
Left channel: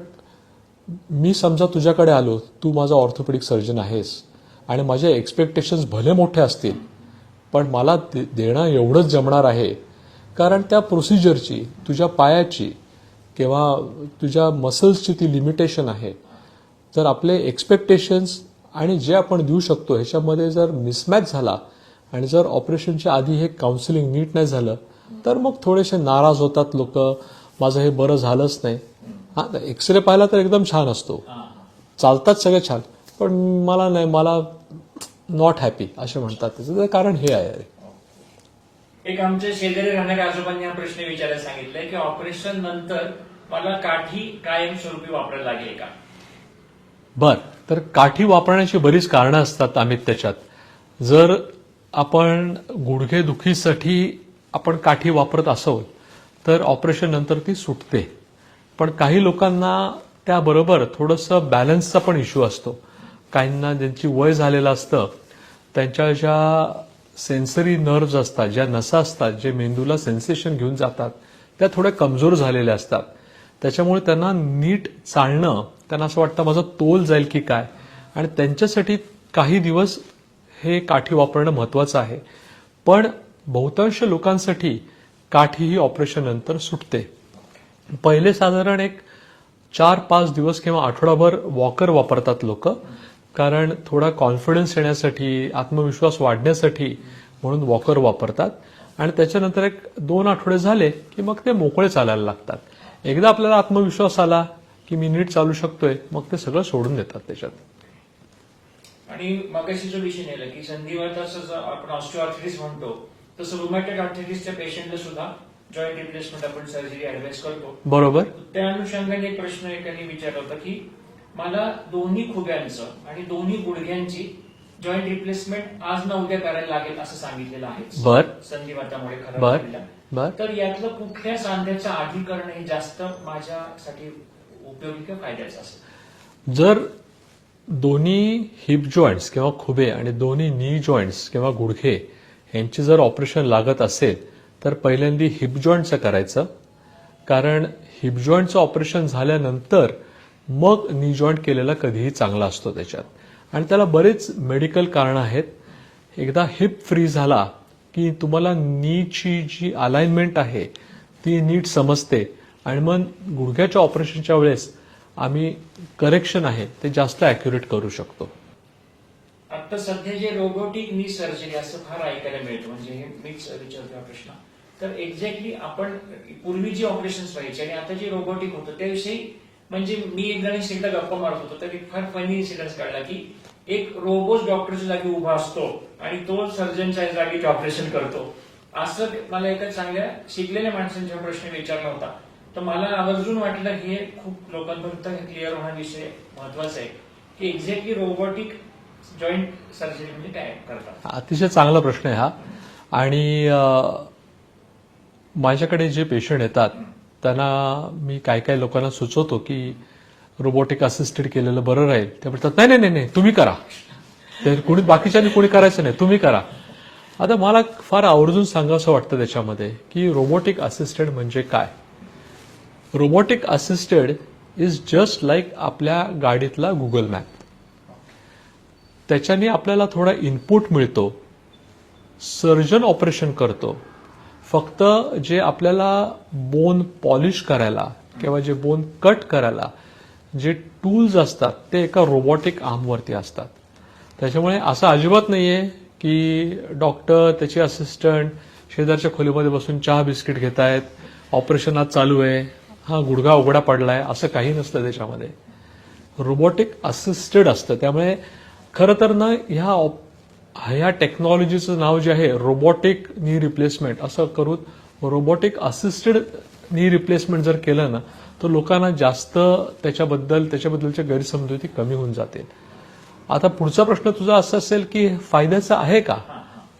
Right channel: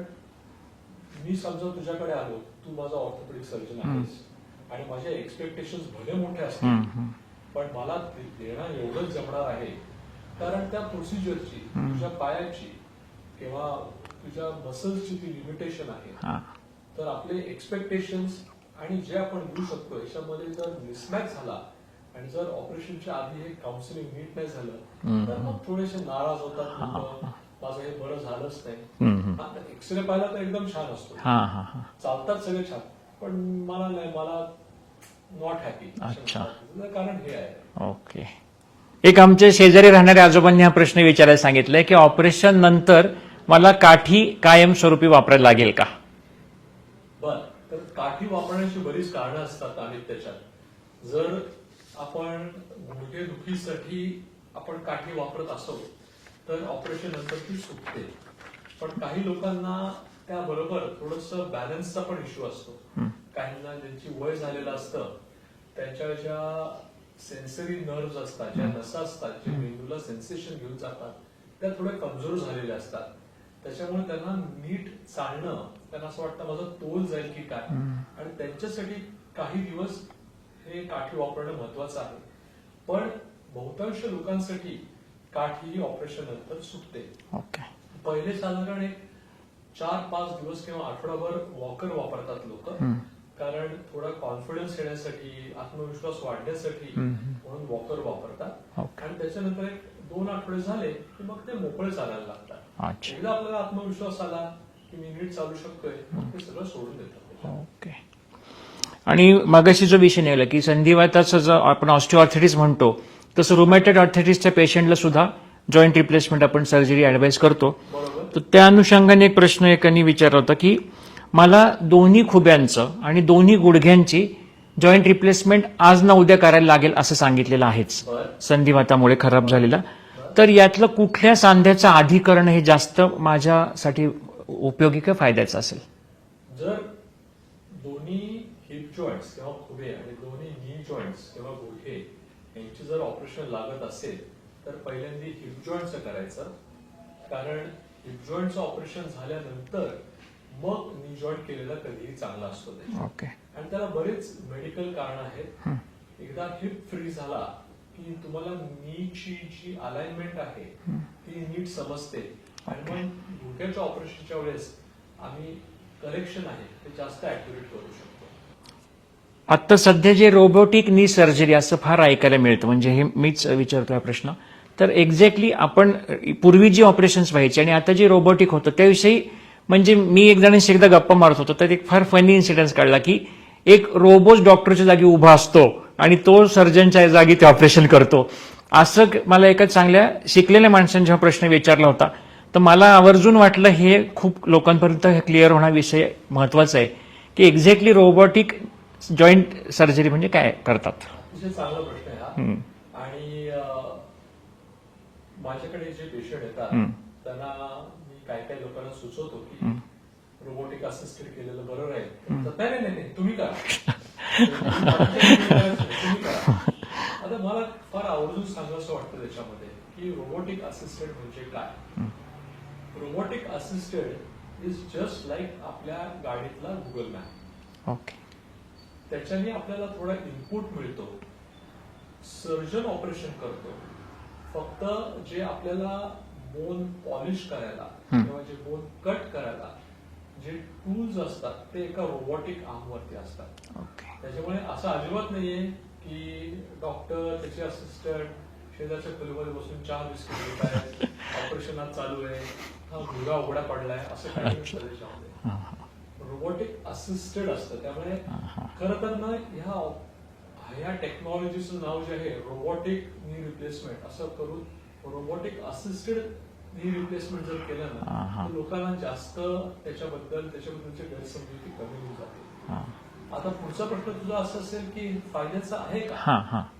मी समजा तुझ्याकडे आलो, तू माझा ऑर्थोपेडिक सर्जन आहेस आणि माझे एक्सपेक्टेशन्स भले मोठे असतील, पण मला देणं एवढंच जमणार आहे. कारण त्या प्रोसिजरची, तुझ्या पायाची किंवा तुझ्या मसल्सची ती लिमिटेशन आहे. जर आपले एक्सपेक्टेशन्स आणि जे आपण देऊ शकतो ह्याच्यामध्ये जर मिसमॅच झाला आणि जर ऑपरेशनच्या आधी हे काउन्सिलिंग नीट नाही झालं तर मग थोडेसे नाराज होतात लोक, माझं हे बरं झालंच नाही. हा, एक्सरे पाहिला तर एकदम छान असतो, चालतात सगळे छान, पण मला नाही, मला नॉट हॅपी असे म्हणतात. त्याचं कारण हे आहे. ओके. एक आमच्या शेजारी राहणाऱ्या आजोबांनी हा प्रश्न विचारायला सांगितलाय की ऑपरेशन नंतर मला काठी कायमस्वरूपी वापरायला लागेल का? बर, तर काठी वापरण्याची बरीच कारणं असतात अमित त्याच्यात. जर आपण गुडघेदुखीसाठी आपण काठी वापरत असो तर ऑपरेशन नंतर ती सुटते. पण काही लोकांना त्याबरोबर थोडंसं बॅलन्सचा पण इश्यू असतो. काहींना ज्यांची वय झालेलं असतं त्यांच्या ज्या सेन्सरी नर्व्ज असतात, ज्या नसा असतात, जे मेंदूला सेन्सेशन घेऊन जातात, त्या थोड्या कमजोर झालेल्या असतात. त्याच्यामुळे त्यांना नीट चालणं, त्यांना असं वाटतं माझं तोल जाईल की काय, आणि त्यांच्यासाठी काही दिवस हे काठी वापरणं महत्वाचं आहे. पण बहुतांश लोकांसाठी काठी ही ऑपरेशन नंतर सुटते. ओके. पहिले साधारण एक 4-5 दिवस किंवा आठवडाभर वॉकर वापरतात लोक, कारण थोडा कॉन्फिडन्स येण्यासाठी, आत्मविश्वास वाढण्यासाठी म्हणून वॉकर वापरतात. आणि त्याच्यानंतर एक 2 आठवडे झाले की मग ते मोकळे चालायला लागतात. एकदा आपल्याला आत्मविश्वास आला की मी नीट चालू शकतोय, मग ते सगळं सोडून देतात त्याच्यात. ओके. आणि मगाशी जो विषय निघाला की संधिवाताचं जर आपण ऑस्टिओआर्थरायटिस म्हणतो तसं रुमॅटॉइड आर्थरायटिसच्या पेशंटला सुद्धा जॉईंट रिप्लेसमेंट आपण सर्जरी ऍडवाइस करतो. बरोबर. तर त्या अनुषंगाने एक प्रश्न एकाने विचारला होता की मला दोन्ही खुब्यांचं आणि दोन्ही गुडघ्यांची जॉईंट रिप्लेसमेंट आज ना उद्या करायला लागेल असं सांगितलेलं आहेच, बर, संधिवातामुळे खराब झालेला. बर. तर यातलं कुठल्या सांध्याचं आधी करणं हे जास्त माझ्यासाठी उपयोगी का फायद्याचं असेल? जर दोन्ही हिप जॉईंट्स किंवा खुबे आणि दोन्ही नी जॉईंट्स किंवा गुडघे यांची जर ऑपरेशन लागत असेल तर पहिल्यांदा हिप जॉईंटचं करायचं. कारण हिप जॉईंटचं ऑपरेशन झाल्यानंतर मग नी जॉईंट केलेला कधीही चांगला असतो त्याच्यात. आणि त्याला बरेच मेडिकल कारण आहेत. एकदा हिप फ्री झाला की तुम्हाला नीची जी अलाइनमेंट आहे ती नीट समजते आणि मग गुडघ्याच्या ऑपरेशनच्या वेळेस आम्ही करेक्शन आहे ते जास्त ॲक्युरेट करू शकतो. आता सध्या जे रोबोटिक नी सर्जरी असं फार ऐकायला मिळतं, म्हणजे हे मीच विचारतोय प्रश्न. तर एक्झॅक्टली आपण पूर्वी जी ऑपरेशन्स व्हायची आणि आता जे रोबोटिक होतं त्याविषयी, म्हणजे मी एक जणांशी एकदा गप्पा मारत होतो तर एक फार फनी इन्सिडेंट काढला की एक रोबोट डॉक्टरच्या जागी उभा असतो आणि तो सर्जनच्या जागी ते ऑपरेशन करतो. असं मला एका चांगल्या शिकलेल्या माणसाने जेव्हा प्रश्न विचारला होता तर मला आवर्जून वाटलं हे खूप लोकांपर्यंत क्लिअर होणा विषय महत्वाचा आहे की एक्झॅक्टली रोबोटिक जॉईंट सर्जरी म्हणजे काय करतात. अतिशय चांगला प्रश्न आहे हा. आणि माझ्याकडे जे पेशंट येतात त्यांना मी काय लोकांना सुचवतो की रोबोटिक असिस्टेड केलेलं बरं राहील. ते म्हणतात नाही नाही नाही तुम्ही करा, कोणी बाकीच्यांनी कोणी करायचं नाही, तुम्ही करा. आता मला फार आवर्जून सांगावं वाटतं त्याच्यामध्ये की रोबोटिक असिस्टेड म्हणजे काय. Robotic assisted is just like आपल्या गाडीतला गुगल मॅप. ओके. त्याच्याने आपल्याला थोडा इनपुट मिळतो. सर्जन ऑपरेशन करतो. फक्त जे आपल्याला बोन पॉलिश करायला किंवा जे बोन कट करायला जे टूल्स असतात ते एका रोबोटिक आर्मवरती असतात. त्याच्यामुळे असं अजिबात नाहीये की डॉक्टर त्याचे असिस्टंट शेजारच्या खोलीमध्ये बसून चहा बिस्किट घेत आहेत, ऑपरेशन आज चालू आहे, हा गुडघा उघडा पडलाय, असं काही नसतं त्याच्यामध्ये. रोबोटिक असिस्टेड असतं. त्यामुळे खरं तर ना ह्या टेक्नॉलॉजीचं नाव जे आहे रोबोटिक नी रिप्लेसमेंट असं करून रोबोटिक असिस्टेड नी रिप्लेसमेंट जर केलं ना तर लोकांना जास्त त्याच्याबद्दलच्या गैरसमजुती कमी होऊन जातील. आता पुढचा प्रश्न तुझा असा असेल की फायद्याचा आहे का.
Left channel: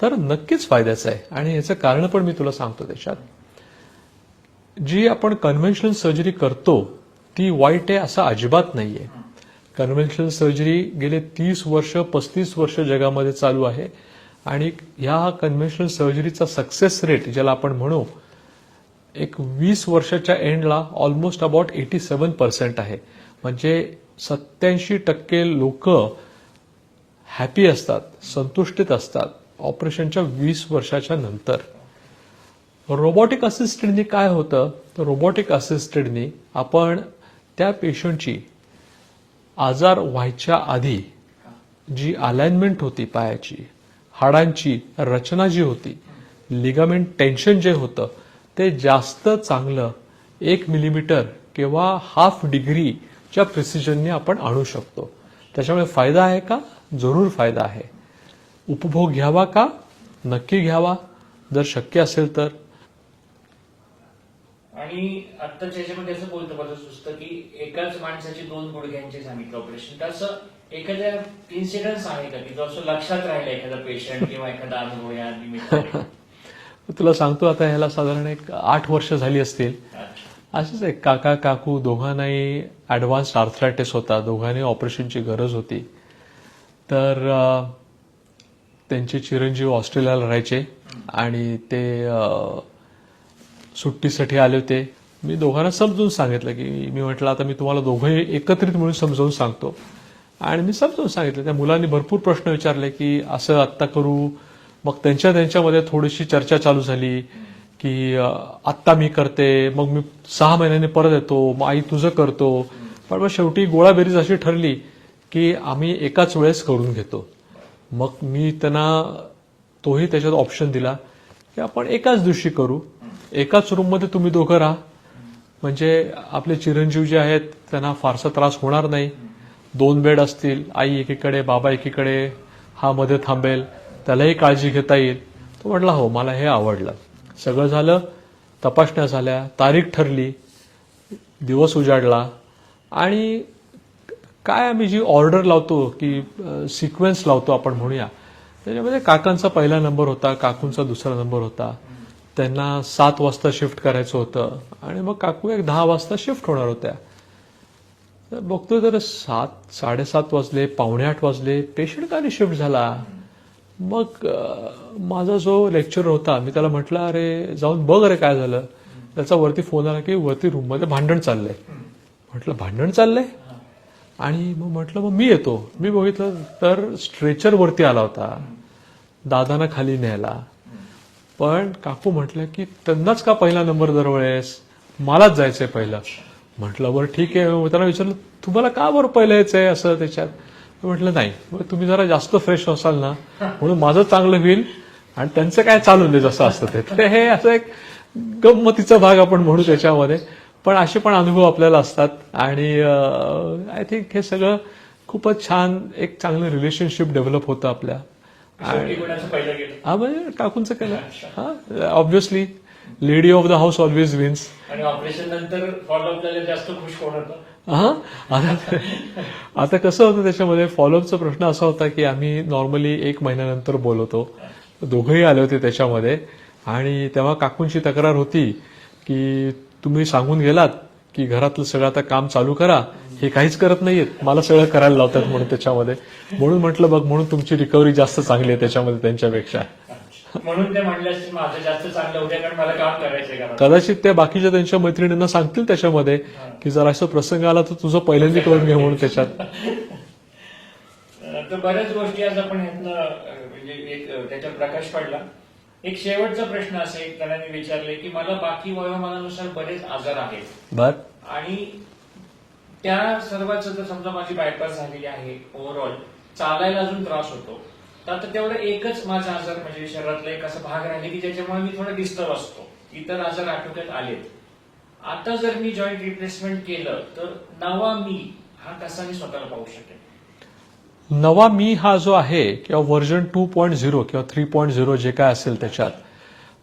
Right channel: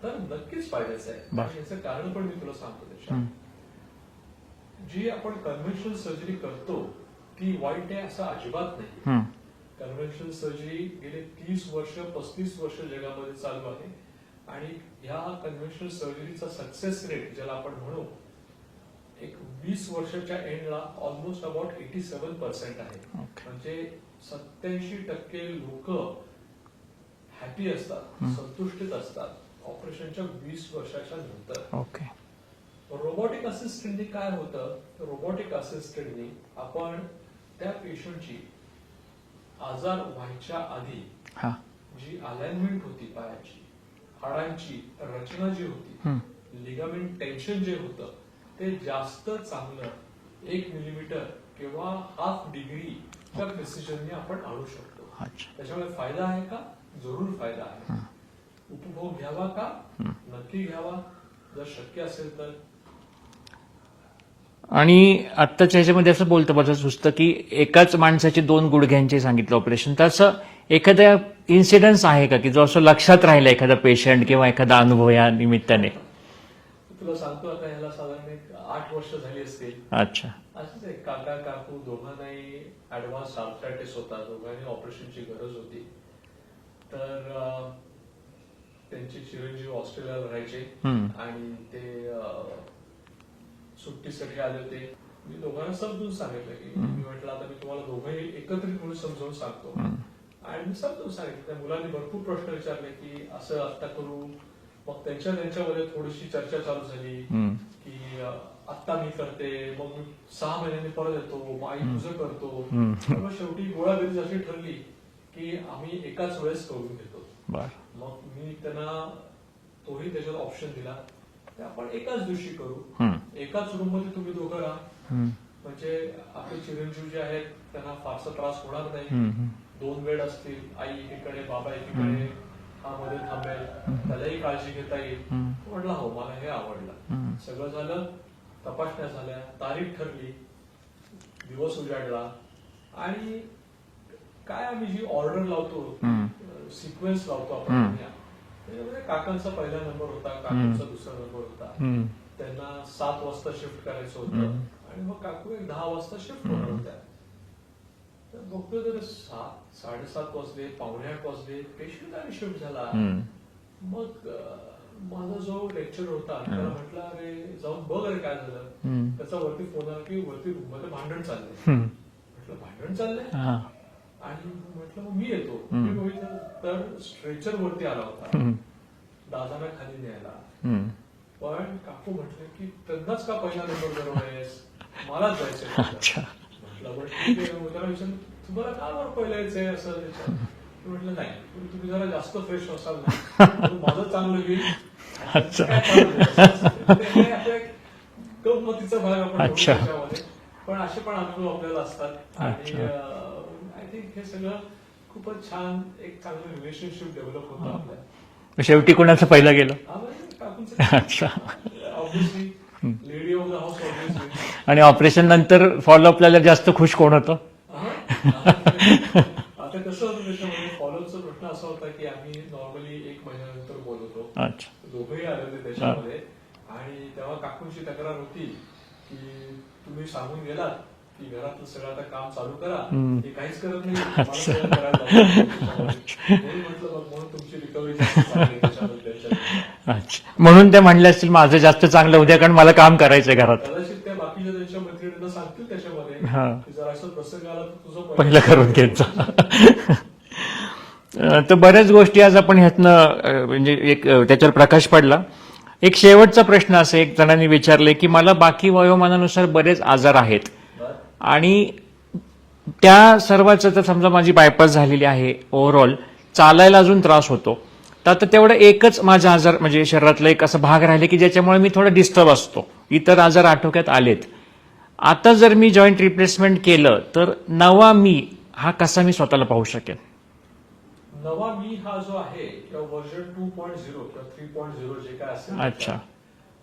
तर नक्कीच फायद्याचं आहे आणि याचं कारण पण मी तुला सांगतो. त्याच्यात जी आपण कन्व्हेन्शनल सर्जरी करतो ती वाईट आहे असं अजिबात नाहीये. कन्व्हेन्शनल सर्जरी गेले 30 वर्ष 35 वर्ष जगामध्ये चालू आहे आणि ह्या कन्व्हेन्शनल सर्जरीचा सक्सेस रेट ज्याला आपण म्हणू एक 20 वर्षाच्या एंडला ऑलमोस्ट अबाउट 87% आहे. म्हणजे 87% लोक हॅपी असतात, संतुष्टीत असतात ऑपरेशनच्या 20 वर्षाच्या नंतर. ओके. रोबोटिक असिस्टेडनी काय होतं, तर रोबोटिक असिस्टेडनी आपण त्या पेशंटची आजार व्हायच्या आधी हा. जी अलाइनमेंट होती पायाची, हाडांची रचना जी होती, लिगामेंट टेन्शन जे होतं ते जास्त चांगलं 1 मिलीमीटर किंवा ½ डिग्रीच्या प्रिसिजनने आपण आणू शकतो. त्याच्यामुळे फायदा आहे का? जरूर फायदा आहे. उपभोग घ्यावा का? नक्की घ्यावा, जर शक्य असेल तर. आणि आत्ताच्या ह्याच्यामध्ये असं बोलतं बघा सुचतं की एकाच माणसाचे 2 गुडघ्यांचे सांगितलं ऑपरेशन, तर असं एखादा इन्सिडन्स आहे का की जो असं लक्षात राहिला एखादा पेशंट किंवा एखादा अनुभव या निमित्ताने? तुला सांगतो, आता ह्याला साधारण एक 8 वर्ष झाली असतील. अच्छा. असेच एक काका काकू दोघांनाही ऍडव्हान्स आर्थरायटिस होता, दोघांनी ऑपरेशनची गरज होती. तर त्यांचे चिरंजीव ऑस्ट्रेलियाला राहायचे आणि ते सुट्टीसाठी आले होते. मी दोघांना समजून सांगितलं की मी म्हटलं आता मी तुम्हाला दोघंही एकत्रित मिळून समजावून सांगतो. आणि मी समजावून सांगितलं. त्या मुलांनी भरपूर प्रश्न विचारले की असं आत्ता करू. मग त्यांच्यामध्ये थोडीशी चर्चा चालू झाली की आत्ता मी करते, मग मी 6 महिन्यांनी परत येतो, मग आई तुझं करतो. पण मग शेवटी गोळाबेरीज अशी ठरली की आम्ही एकाच वेळेस करून घेतो. मग मी त्यांना तोही त्याच्यात ऑप्शन दिला की आपण एकाच दिवशी करू, एकाच रूम मध्ये तुम्ही दोघं राहा, म्हणजे आपले चिरंजीव जे आहेत त्यांना फारसा त्रास होणार नाही. 2 बेड असतील, आई एकीकडे बाबा एकीकडे, हा मध्ये थांबेल, त्यालाही काळजी घेता येईल. तो म्हटला हो मला हे आवडलं. सगळं झालं, तपासण्या झाल्या, तारीख ठरली, दिवस उजाडला. आणि काय आम्ही जी ऑर्डर लावतो की सिक्वेन्स लावतो आपण म्हणूया, त्याच्यामध्ये काकांचा पहिला नंबर होता, काकूंचा दुसरा नंबर होता. त्यांना 7 वाजता शिफ्ट करायचं होतं आणि मग काकू एक 10 वाजता शिफ्ट होणार होत्या. तर बघतोय तर 7:30 वाजले, 7:45 वाजले, पेशंट का शिफ्ट झाला. मग माझा जो लेक्चर होता मी त्याला म्हटलं अरे जाऊन बघ अरे काय झालं. त्याचा वरती फोन आला की वरती रूम मध्ये भांडण चाललंय. म्हटलं भांडण चाललंय? आणि मग म्हटलं मग मी येतो. मी बघितलं तर स्ट्रेचर वरती आला होता, दादांना खाली न्यायला. पण काकू म्हटलं की त्यांनाच का पहिला नंबर दरवेळेस, मलाच जायचंय पहिलं. म्हटलं बरं ठीक आहे. त्याला विचारलं तुम्हाला का बरं पहिलं यायचंय असं त्याच्यात. म्हटलं नाही, तुम्ही जरा जास्त फ्रेश असाल ना म्हणून माझं चांगलं होईल आणि त्यांचं काय चालू दे जसं असतं ते. हे असं एक गंमतीचा भाग आपण म्हणू त्याच्यामध्ये. पण असे पण अनुभव आपल्याला असतात आणि आय थिंक हे सगळं खूपच छान, एक चांगलं रिलेशनशिप डेव्हलप होतं आपल्या. शेवटी कोणाचं पहिलं गेलं? हा म्हणजे काकूंचं काय, obviously lady of the house always wins. आणि ऑपरेशन नंतर फॉलोअपला जास्त खुश कोण होतं? आता कसं होतं त्याच्यामध्ये फॉलोअपचा प्रश्न असा होता की आम्ही नॉर्मली 1 महिन्यानंतर बोलवतो. दोघंही आले होते त्याच्यामध्ये. आणि तेव्हा काकूंची तक्रार होती की तुम्ही सांगून गेलात की घरातलं सगळं आता काम चालू करा, हे काहीच करत नाहीयेत, मला सगळं करायला लावतात म्हणून त्याच्यामध्ये. म्हणून म्हटलं बघ म्हणून तुमची रिकव्हरी जास्त चांगली आहे त्याच्यामध्ये त्यांच्यापेक्षा. म्हणून ते म्हणले असतील माझं जास्त चांगलं उद्या, कारण मला काम करायचंय घरात. कदाचित ते बाकीच्या त्यांच्या मैत्रिणींना सांगतील त्याच्यामध्ये की जर असं प्रसंग आला तर तुझं पहिलं करून म्हणून त्याच्यात. तर बऱ्याच गोष्टी आज आपण ह्यातनं म्हणजे एक त्याच्यावर प्रकाश पडला. एक शेवटचा प्रश्न असं एक जणांनी विचारले की मला बाकी वयोमानानुसार बरेच आजार आहेत आणि त्या सर्वांचं, तर समजा माझी बायपास झालेली आहे, ओव्हरऑल चालायला अजून त्रास होतो, तर आता तेवढं एकच माझा आजार म्हणजे शरीरातला एक असा भाग राहिले की ज्याच्यामुळे मी थोडा डिस्टर्ब असतो, इतर आजार आटोक्यात आलेत. आता जर मी जॉईंट रिप्लेसमेंट केलं तर नवा मी हा कसा मी स्वतःला पाहू शकेन? नवा मी हा जो आहे किंवा व्हर्जन 2.0 किंवा 3.0 जे काय असेल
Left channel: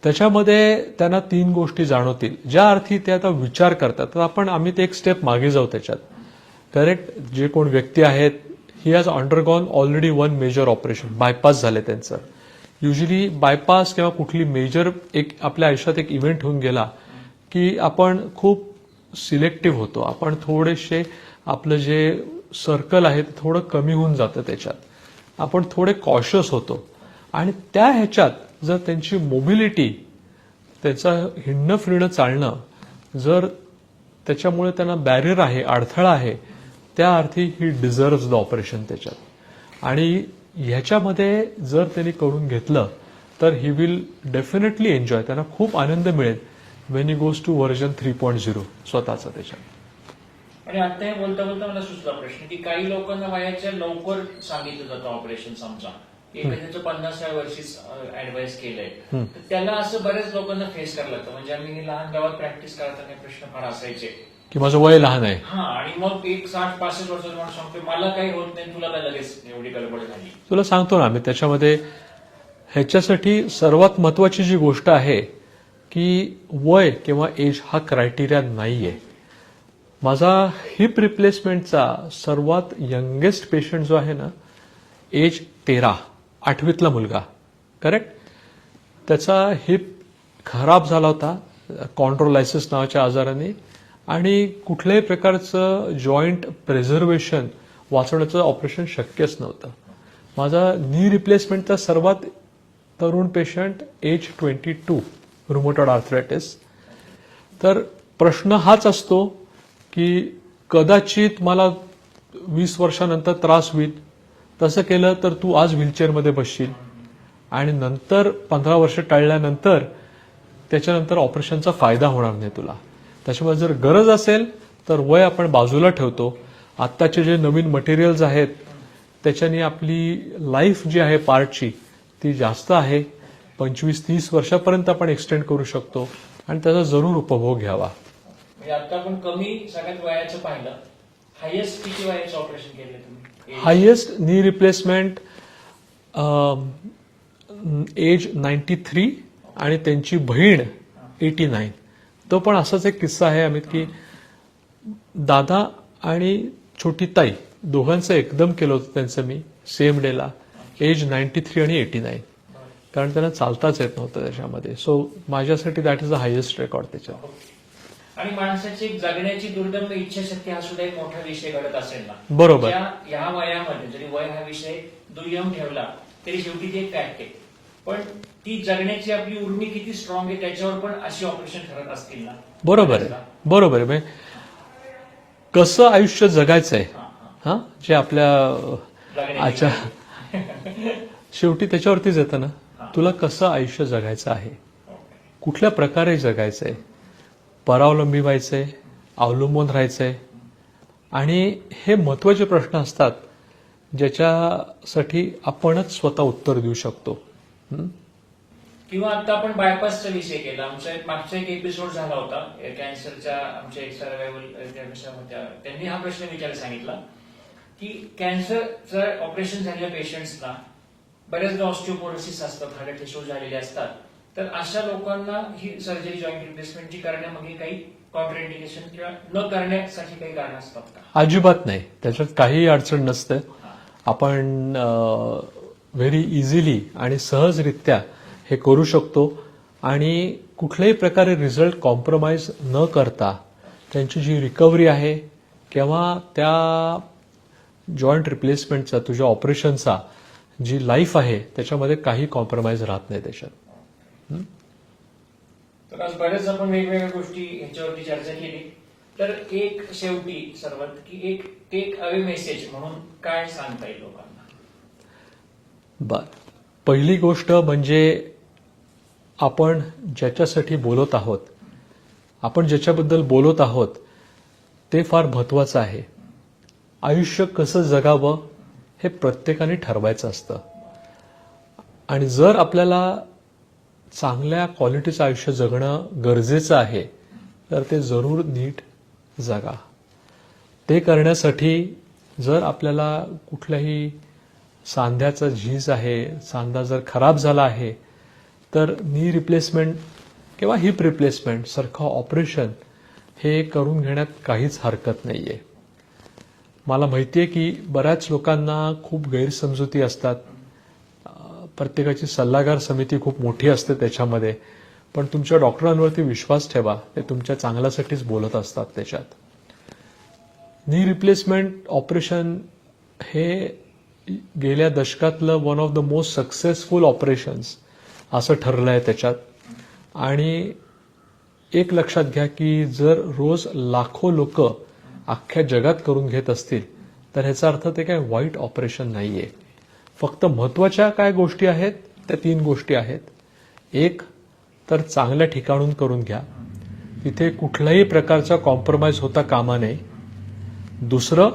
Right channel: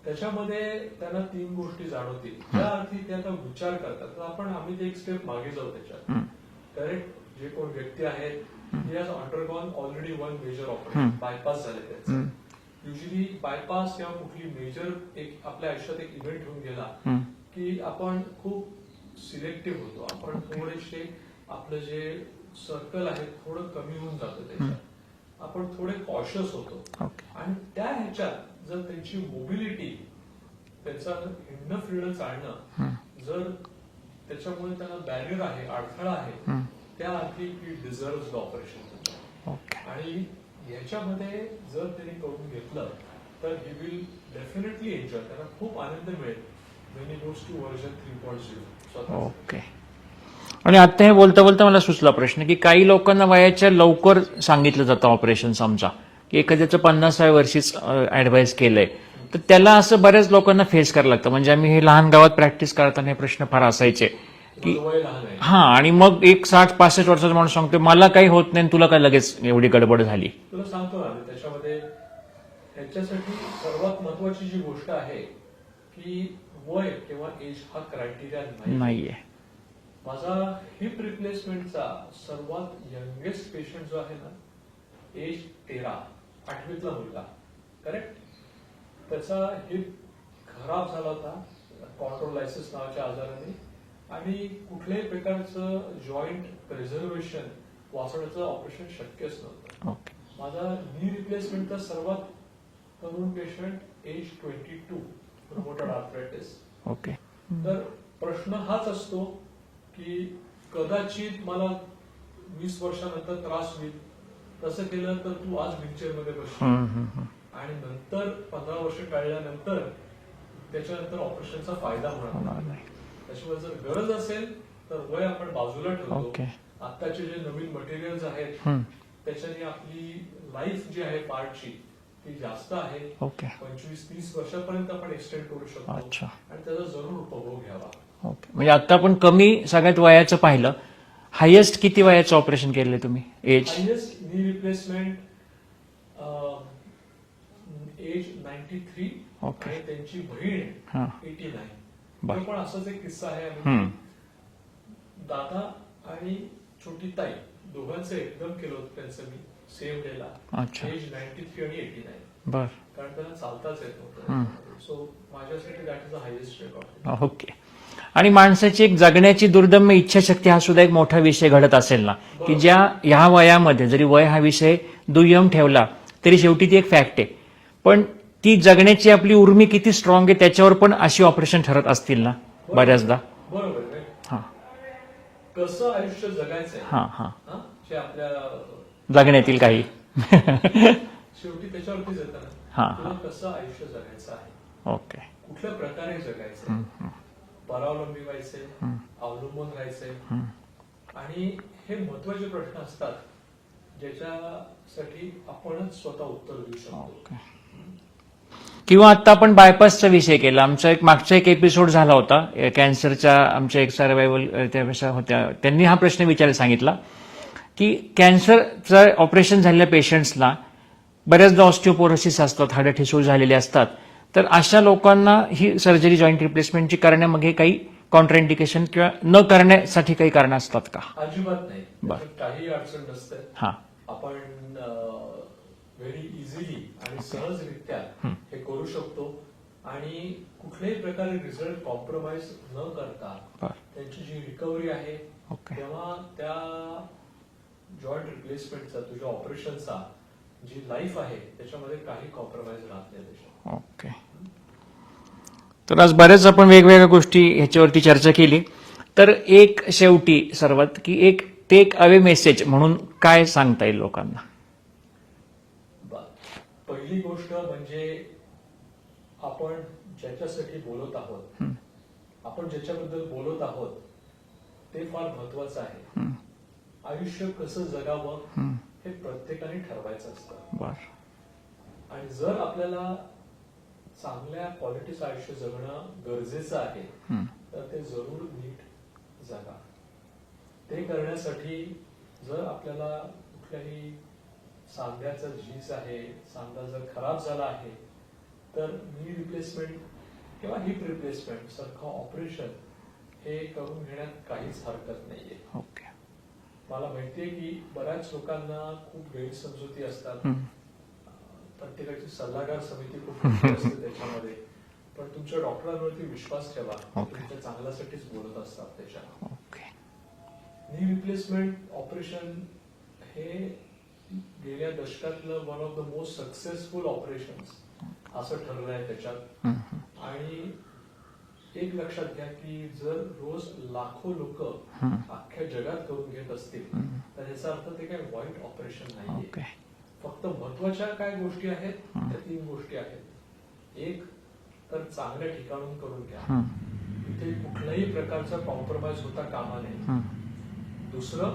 त्याच्यामध्ये त्यांना 3 गोष्टी जाणवतील, ज्या अर्थी ते आता विचार करतात. तर आम्ही ते एक स्टेप मागे जाऊ त्याच्यात. करेक्ट, जे कोण व्यक्ती आहेत he has undergone already 1 major operation, bypass झाले त्यांचं. युजली बायपास किंवा कुठली मेजर एक आपल्या आयुष्यात एक इव्हेंट होऊन गेला की आपण खूप सिलेक्टिव्ह होतो, आपण थोडेसे आपलं जे सर्कल आहे ते थोडं कमी होऊन जातं त्याच्यात, आपण थोडे कॉशियस होतो. आणि त्या ह्याच्यात जर त्यांची मोबिलिटी त्याचं हिंडणं फिरणं चालणं जर त्याच्यामुळे त्यांना बॅरियर आहे, अडथळा आहे, त्या अर्थी ही डिझर्व्स द ऑपरेशन त्याच्यात. आणि ह्याच्यामध्ये जर त्यांनी करून घेतलं तर ही विल डेफिनेटली एन्जॉय, त्यांना खूप आनंद मिळेल when he goes to version 3.0 स्वतःचा त्याच्या. आणि आता हे बोलता बोलता मला सुचला प्रश्न की काही लोकांना वयाच्या लवकर सांगितलं जातं ऑपरेशन, समजा की एखाद्याचं 50व्या वर्षीच ऍडवाइस केलंय, तर त्याला असं बऱ्याच लोकांना फेस करायला लागतं. म्हणजे आम्ही हे लहान गावात प्रॅक्टिस करताना हे प्रश्न फार असायचे की माझं वय लहान आहे. हा, आणि मग एक 60-65 वर्षाचा माणूस सांगतो मला काही होत नाही, तुला काय लगेच एवढी गडबड झाली. तुला सांगतो ना आम्ही त्याच्यामध्ये ह्याच्यासाठी सर्वात महत्वाची जी गोष्ट आहे की वय किंवा एज हा क्रायटेरिया नाहीये. नाहीये. माझा हिप रिप्लेसमेंटचा सर्वात यंगेस्ट पेशंट जो आहे ना, एज 13, 8वीतला मुलगा, करेक्ट. त्याचा हिप खराब झाला होता कॉन्ड्रोलायसिस नावाच्या आजाराने, आणि कुठल्याही प्रकारचं जॉईंट प्रिझर्वेशन वाचवण्याचं ऑपरेशन शक्यच नव्हतं. माझा नी रिप्लेसमेंटचा सर्वात तरुण patient age 22, rheumatoid arthritis. Okay. तर प्रश्न हाच असतो की कदाचित मला 20 वर्षानंतर त्रास होईल, तसं केलं तर तू आज व्हीलचेअरमध्ये बसशील आणि नंतर 15 वर्ष टळल्यानंतर त्याच्यानंतर ऑपरेशनचा फायदा होणार नाही तुला. त्याच्यामुळे जर गरज असेल तर वय आपण बाजूला ठेवतो. आत्ताचे जे नवीन मटेरियल्स आहेत त्याच्याने आपली लाईफ जी आहे पार्टची ती जास्त आहे. 25-30 वर्षापर्यंत आपण एक्सटेंड करू शकतो आणि त्याचा जरूर उपभोग घ्यावा. म्हणजे आता आपण कमी सगळ्यात वयाचं पाहिलं, हायेस्ट किती वयाचं ऑपरेशन केलंय तुम्ही? हायेस्ट नी रिप्लेसमेंट एज 93 आणि त्यांची बहीण 89. तो पण असाच एक किस्सा आहे अमित की दादा आणि छोटी ताई दोघांचं एकदम केलं होतं त्यांचं मी सेम डेला, एज 93 आणि 89. बर. कारण त्यांना चालताच येत नव्हतं त्याच्यामध्ये. सो माझ्यासाठी that is the highest record त्याच्या. ओके. आणि माणसाची एक जगण्याची दुर्दम्य इच्छाशक्ती हा सुद्धा एक मोठा विषय घडत असेल ना. बरोबर. ज्या ह्या वयामध्ये जरी वय हा विषय दुय्यम ठेवला तरी शेवटी ती एक फॅक्ट आहे, पण ती जगण्याची आपली उर्मी किती स्ट्रॉंग आहे त्याच्यावर पण अशी ऑपरेशन ठरत असतील ना. बरोबर बरोबर आहे. कसं आयुष्य जगायचंय हा, जे आपल्या जगण्यातील काही शेवटी त्याच्यावरतीच येतं ना. हा. तुला कसं आयुष्य जगायचं आहे, ओके, कुठल्या प्रकारे जगायचंय, परावलंबी व्हायचंय, अवलंबून राहायचंय, आणि हे महत्वाचे प्रश्न असतात ज्याच्यासाठी आपणच स्वतः उत्तर देऊ शकतो. किंवा आता आपण बायपासचा विषय केला. आमचा एक मागचा एक एपिसोड झाला होता कॅन्सरच्या, आमच्या एक सर्वायवल त्या होत्या, त्यांनी हा प्रश्न विचारायला सांगितला की कॅन्सरचं ऑपरेशन झालेल्या पेशंट्सना बऱ्याचदा ऑस्टिओपोरोसिस असतात, हाडं ठिसूळ झालेले असतात, तर अशा लोकांना ही सर्जरी जॉईंट रिप्लेसमेंटची करण्यामागे काही कॉन्ट्राइंडिकेशन किंवा न करण्यासाठी काही कारण असतात का? अजिबात नाही, त्याच्यात काही अडचण नसते. हा, आपण व्हेरी इझिली आणि सहजरित्या हे करू शकतो आणि कुठल्याही प्रकारे रिझल्ट कॉम्प्रोमाइज न करता त्यांची जी रिकव्हरी आहे किंवा त्या जॉईंट रिप्लेसमेंटचा, तुझ्या ऑपरेशनचा जी लाईफ आहे त्याच्यामध्ये काही कॉम्प्रोमाइज राहत नाही त्याच्यात. ओके. तर आज बऱ्याच आपण वेगवेगळ्या गोष्टी ह्याच्यावरती चर्चा केली. तर एक शेवटी सर्वात की एक टेक अवे मेसेज म्हणून काय सांगता येईल लोकांना? बर, पहिली गोष्ट म्हणजे आपण ज्याच्यासाठी बोलत आहोत, आपण ज्याच्याबद्दल बोलत आहोत ते फार महत्वाचं आहे. आयुष्य कसं जगावं हे प्रत्येकाने ठरवायचं असतं. आणि जर आपल्याला चांगल्या क्वालिटीचं आयुष्य जगणं गरजेचं आहे तर ते जरूर नीट जगा. ते करण्यासाठी जर आपल्याला कुठल्याही सांध्याचा झीज आहे, सांधा जर खराब झाला आहे, तर नी रिप्लेसमेंट किंवा हिप रिप्लेसमेंट सारखं ऑपरेशन हे करून घेण्यात काहीच हरकत नाहीये. मला माहितीये की बऱ्याच लोकांना खूप गैरसमजुती असतात. प्रत्येकाची सल्लागार समिती खूप मोठी असते त्याच्यामध्ये, पण तुमच्या डॉक्टरांवरती विश्वास ठेवा, ते तुमच्या चांगल्यासाठीच बोलत असतात. त्याच्यात नी रिप्लेसमेंट ऑपरेशन हे गेल्या दशकातलं one of the most successful operations असं ठरलं आहे त्याच्यात. आणि एक लक्षात घ्या की जर रोज लाखो लोक अख्ख्या जगात करून घेत असतील तर ह्याचा अर्थ ते काय वाईट ऑपरेशन नाहीये. फक्त महत्वाच्या काय गोष्टी आहेत त्या 3 गोष्टी आहेत. एक तर चांगल्या ठिकाणून करून घ्या, तिथे कुठल्याही प्रकारचा कॉम्प्रोमाइज होता कामा नये. दुसरं,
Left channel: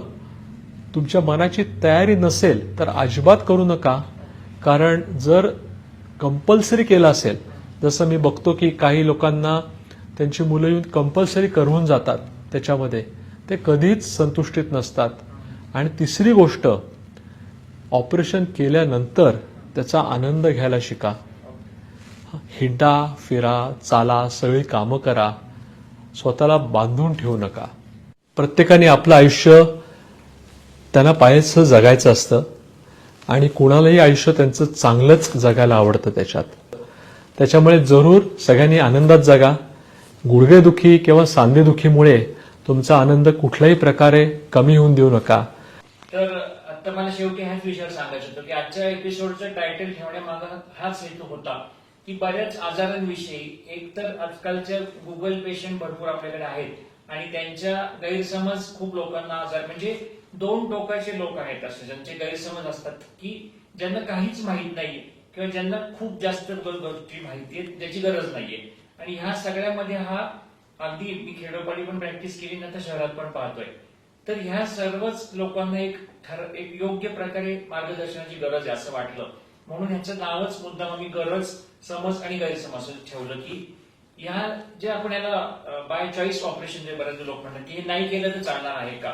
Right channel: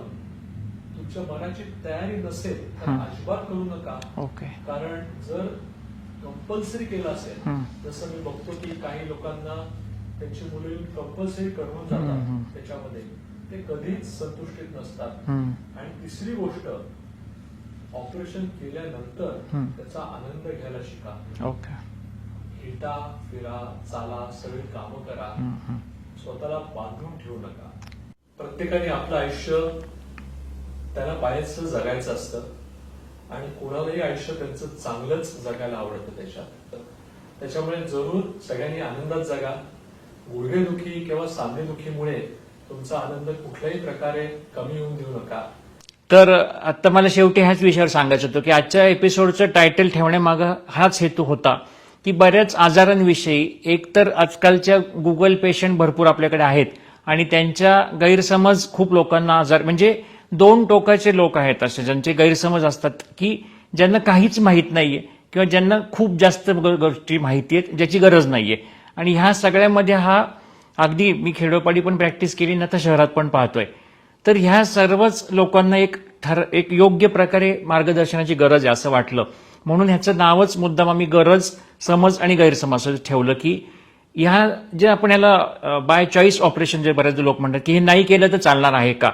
तुमच्या मनाची तयारी नसेल तर अजिबात करू नका. कारण जर कंपल्सरी केलं असेल, जसं मी बघतो की काही लोकांना त्यांची मुलं येऊन कंपल्सरी करून जातात, त्याच्यामध्ये ते कधीच संतुष्टीत नसतात. आणि तिसरी गोष्ट, ऑपरेशन केल्यानंतर त्याचा आनंद घ्यायला शिका. हिंडा फिरा, चाला, सगळी कामं करा, स्वतःला बांधून ठेवू नका. प्रत्येकाने आपलं आयुष्य त्यांना पाहायचं जगायचं असतं आणि कुणालाही आयुष्य त्यांचं चांगलंच जगायला आवडतं त्याच्यामुळे जरूर सगळ्यांनी आनंदात जगा. गुडघेदुखी किंवा सांधेदुखीमुळे तुमचा आनंद कुठल्याही प्रकारे कमी होऊन देऊ नका. तर आता मला शेवटी ह्याच विषयावर सांगायचं होतं की आजच्या एपिसोडचं टायटल ठेवण्यामागं हाच हेतू होता की बऱ्याच आजारांविषयी, एक तर आजकालच्या गुगल पेशंट भरपूर आपल्याकडे आहेत आणि त्यांच्या गैरसमज खूप लोकांना आजार, म्हणजे 2 टोकाचे लोक आहेत असे ज्यांचे गैरसमज असतात की ज्यांना काहीच माहीत नाहीये किंवा ज्यांना खूप जास्त गोष्टी माहिती आहेत ज्याची गरज नाहीये. आणि ह्या सगळ्यामध्ये हा अगदी मी खेडोपाडी पण प्रॅक्टिस केली ना तर शहरात पण पाहतोय. तर ह्या सर्वच लोकांना एक योग्य प्रकारे मार्गदर्शनाची गरज आहे असं वाटलं, म्हणून ह्याचं नावच मुद्दाम आम्ही गरज, समज आणि गैरसमज असं ठेवलं की ह्या जे आपण ह्याला बाय चॉईस ऑपरेशन जे बरेच लोक म्हणतात की हे नाही केलं तर चालणार आहे का,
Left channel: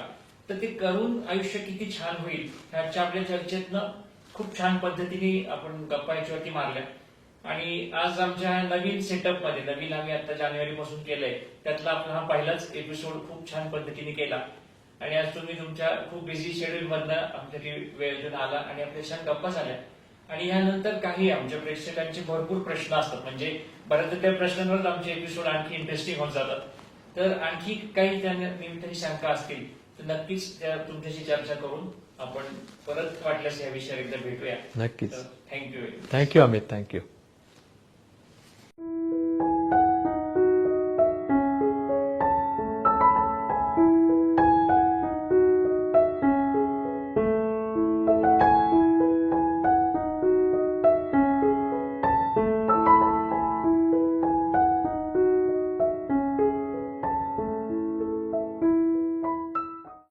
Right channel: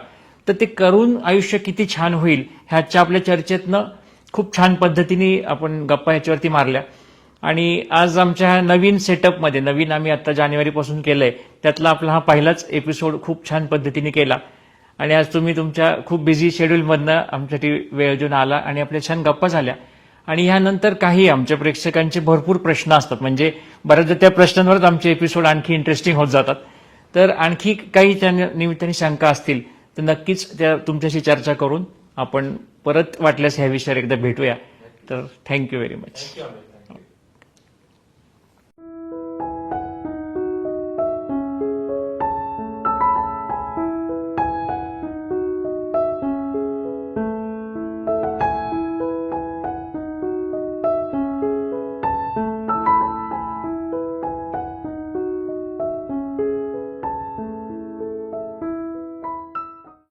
तर ते करून आयुष्य किती छान होईल ह्याच्या आपल्या चर्चेतनं खूप छान पद्धतीने आपण गप्पा ह्याच्यावरती मारल्या. आणि आज आमच्या नवीन सेटअपमध्ये, नवीन आम्ही आता जानेवारीपासून केलंय, त्यातला आपला हा पहिलाच एपिसोड खूप छान पद्धतीने केला. आणि आज तुम्ही तुमच्या खूप बिझी शेड्यूलमधनं आमच्यासाठी वेळ देऊन आला आणि आपल्या छान गप्पा झाल्या. आणि ह्यानंतर काही आमच्या प्रेक्षकांचे भरपूर प्रश्न असतात, म्हणजे बऱ्याचदा त्या प्रश्नांवरच आमचे एपिसोड आणखी इंटरेस्टिंग होत जातात. तर आणखी काही त्या निमित्ताने शंका असतील तर नक्कीच त्या तुमच्याशी चर्चा करून आपण परत वाटल्यास ह्या विषयावर एकदा भेटूया. नक्कीच. तर thank you very much. Thank you Amit, thank you.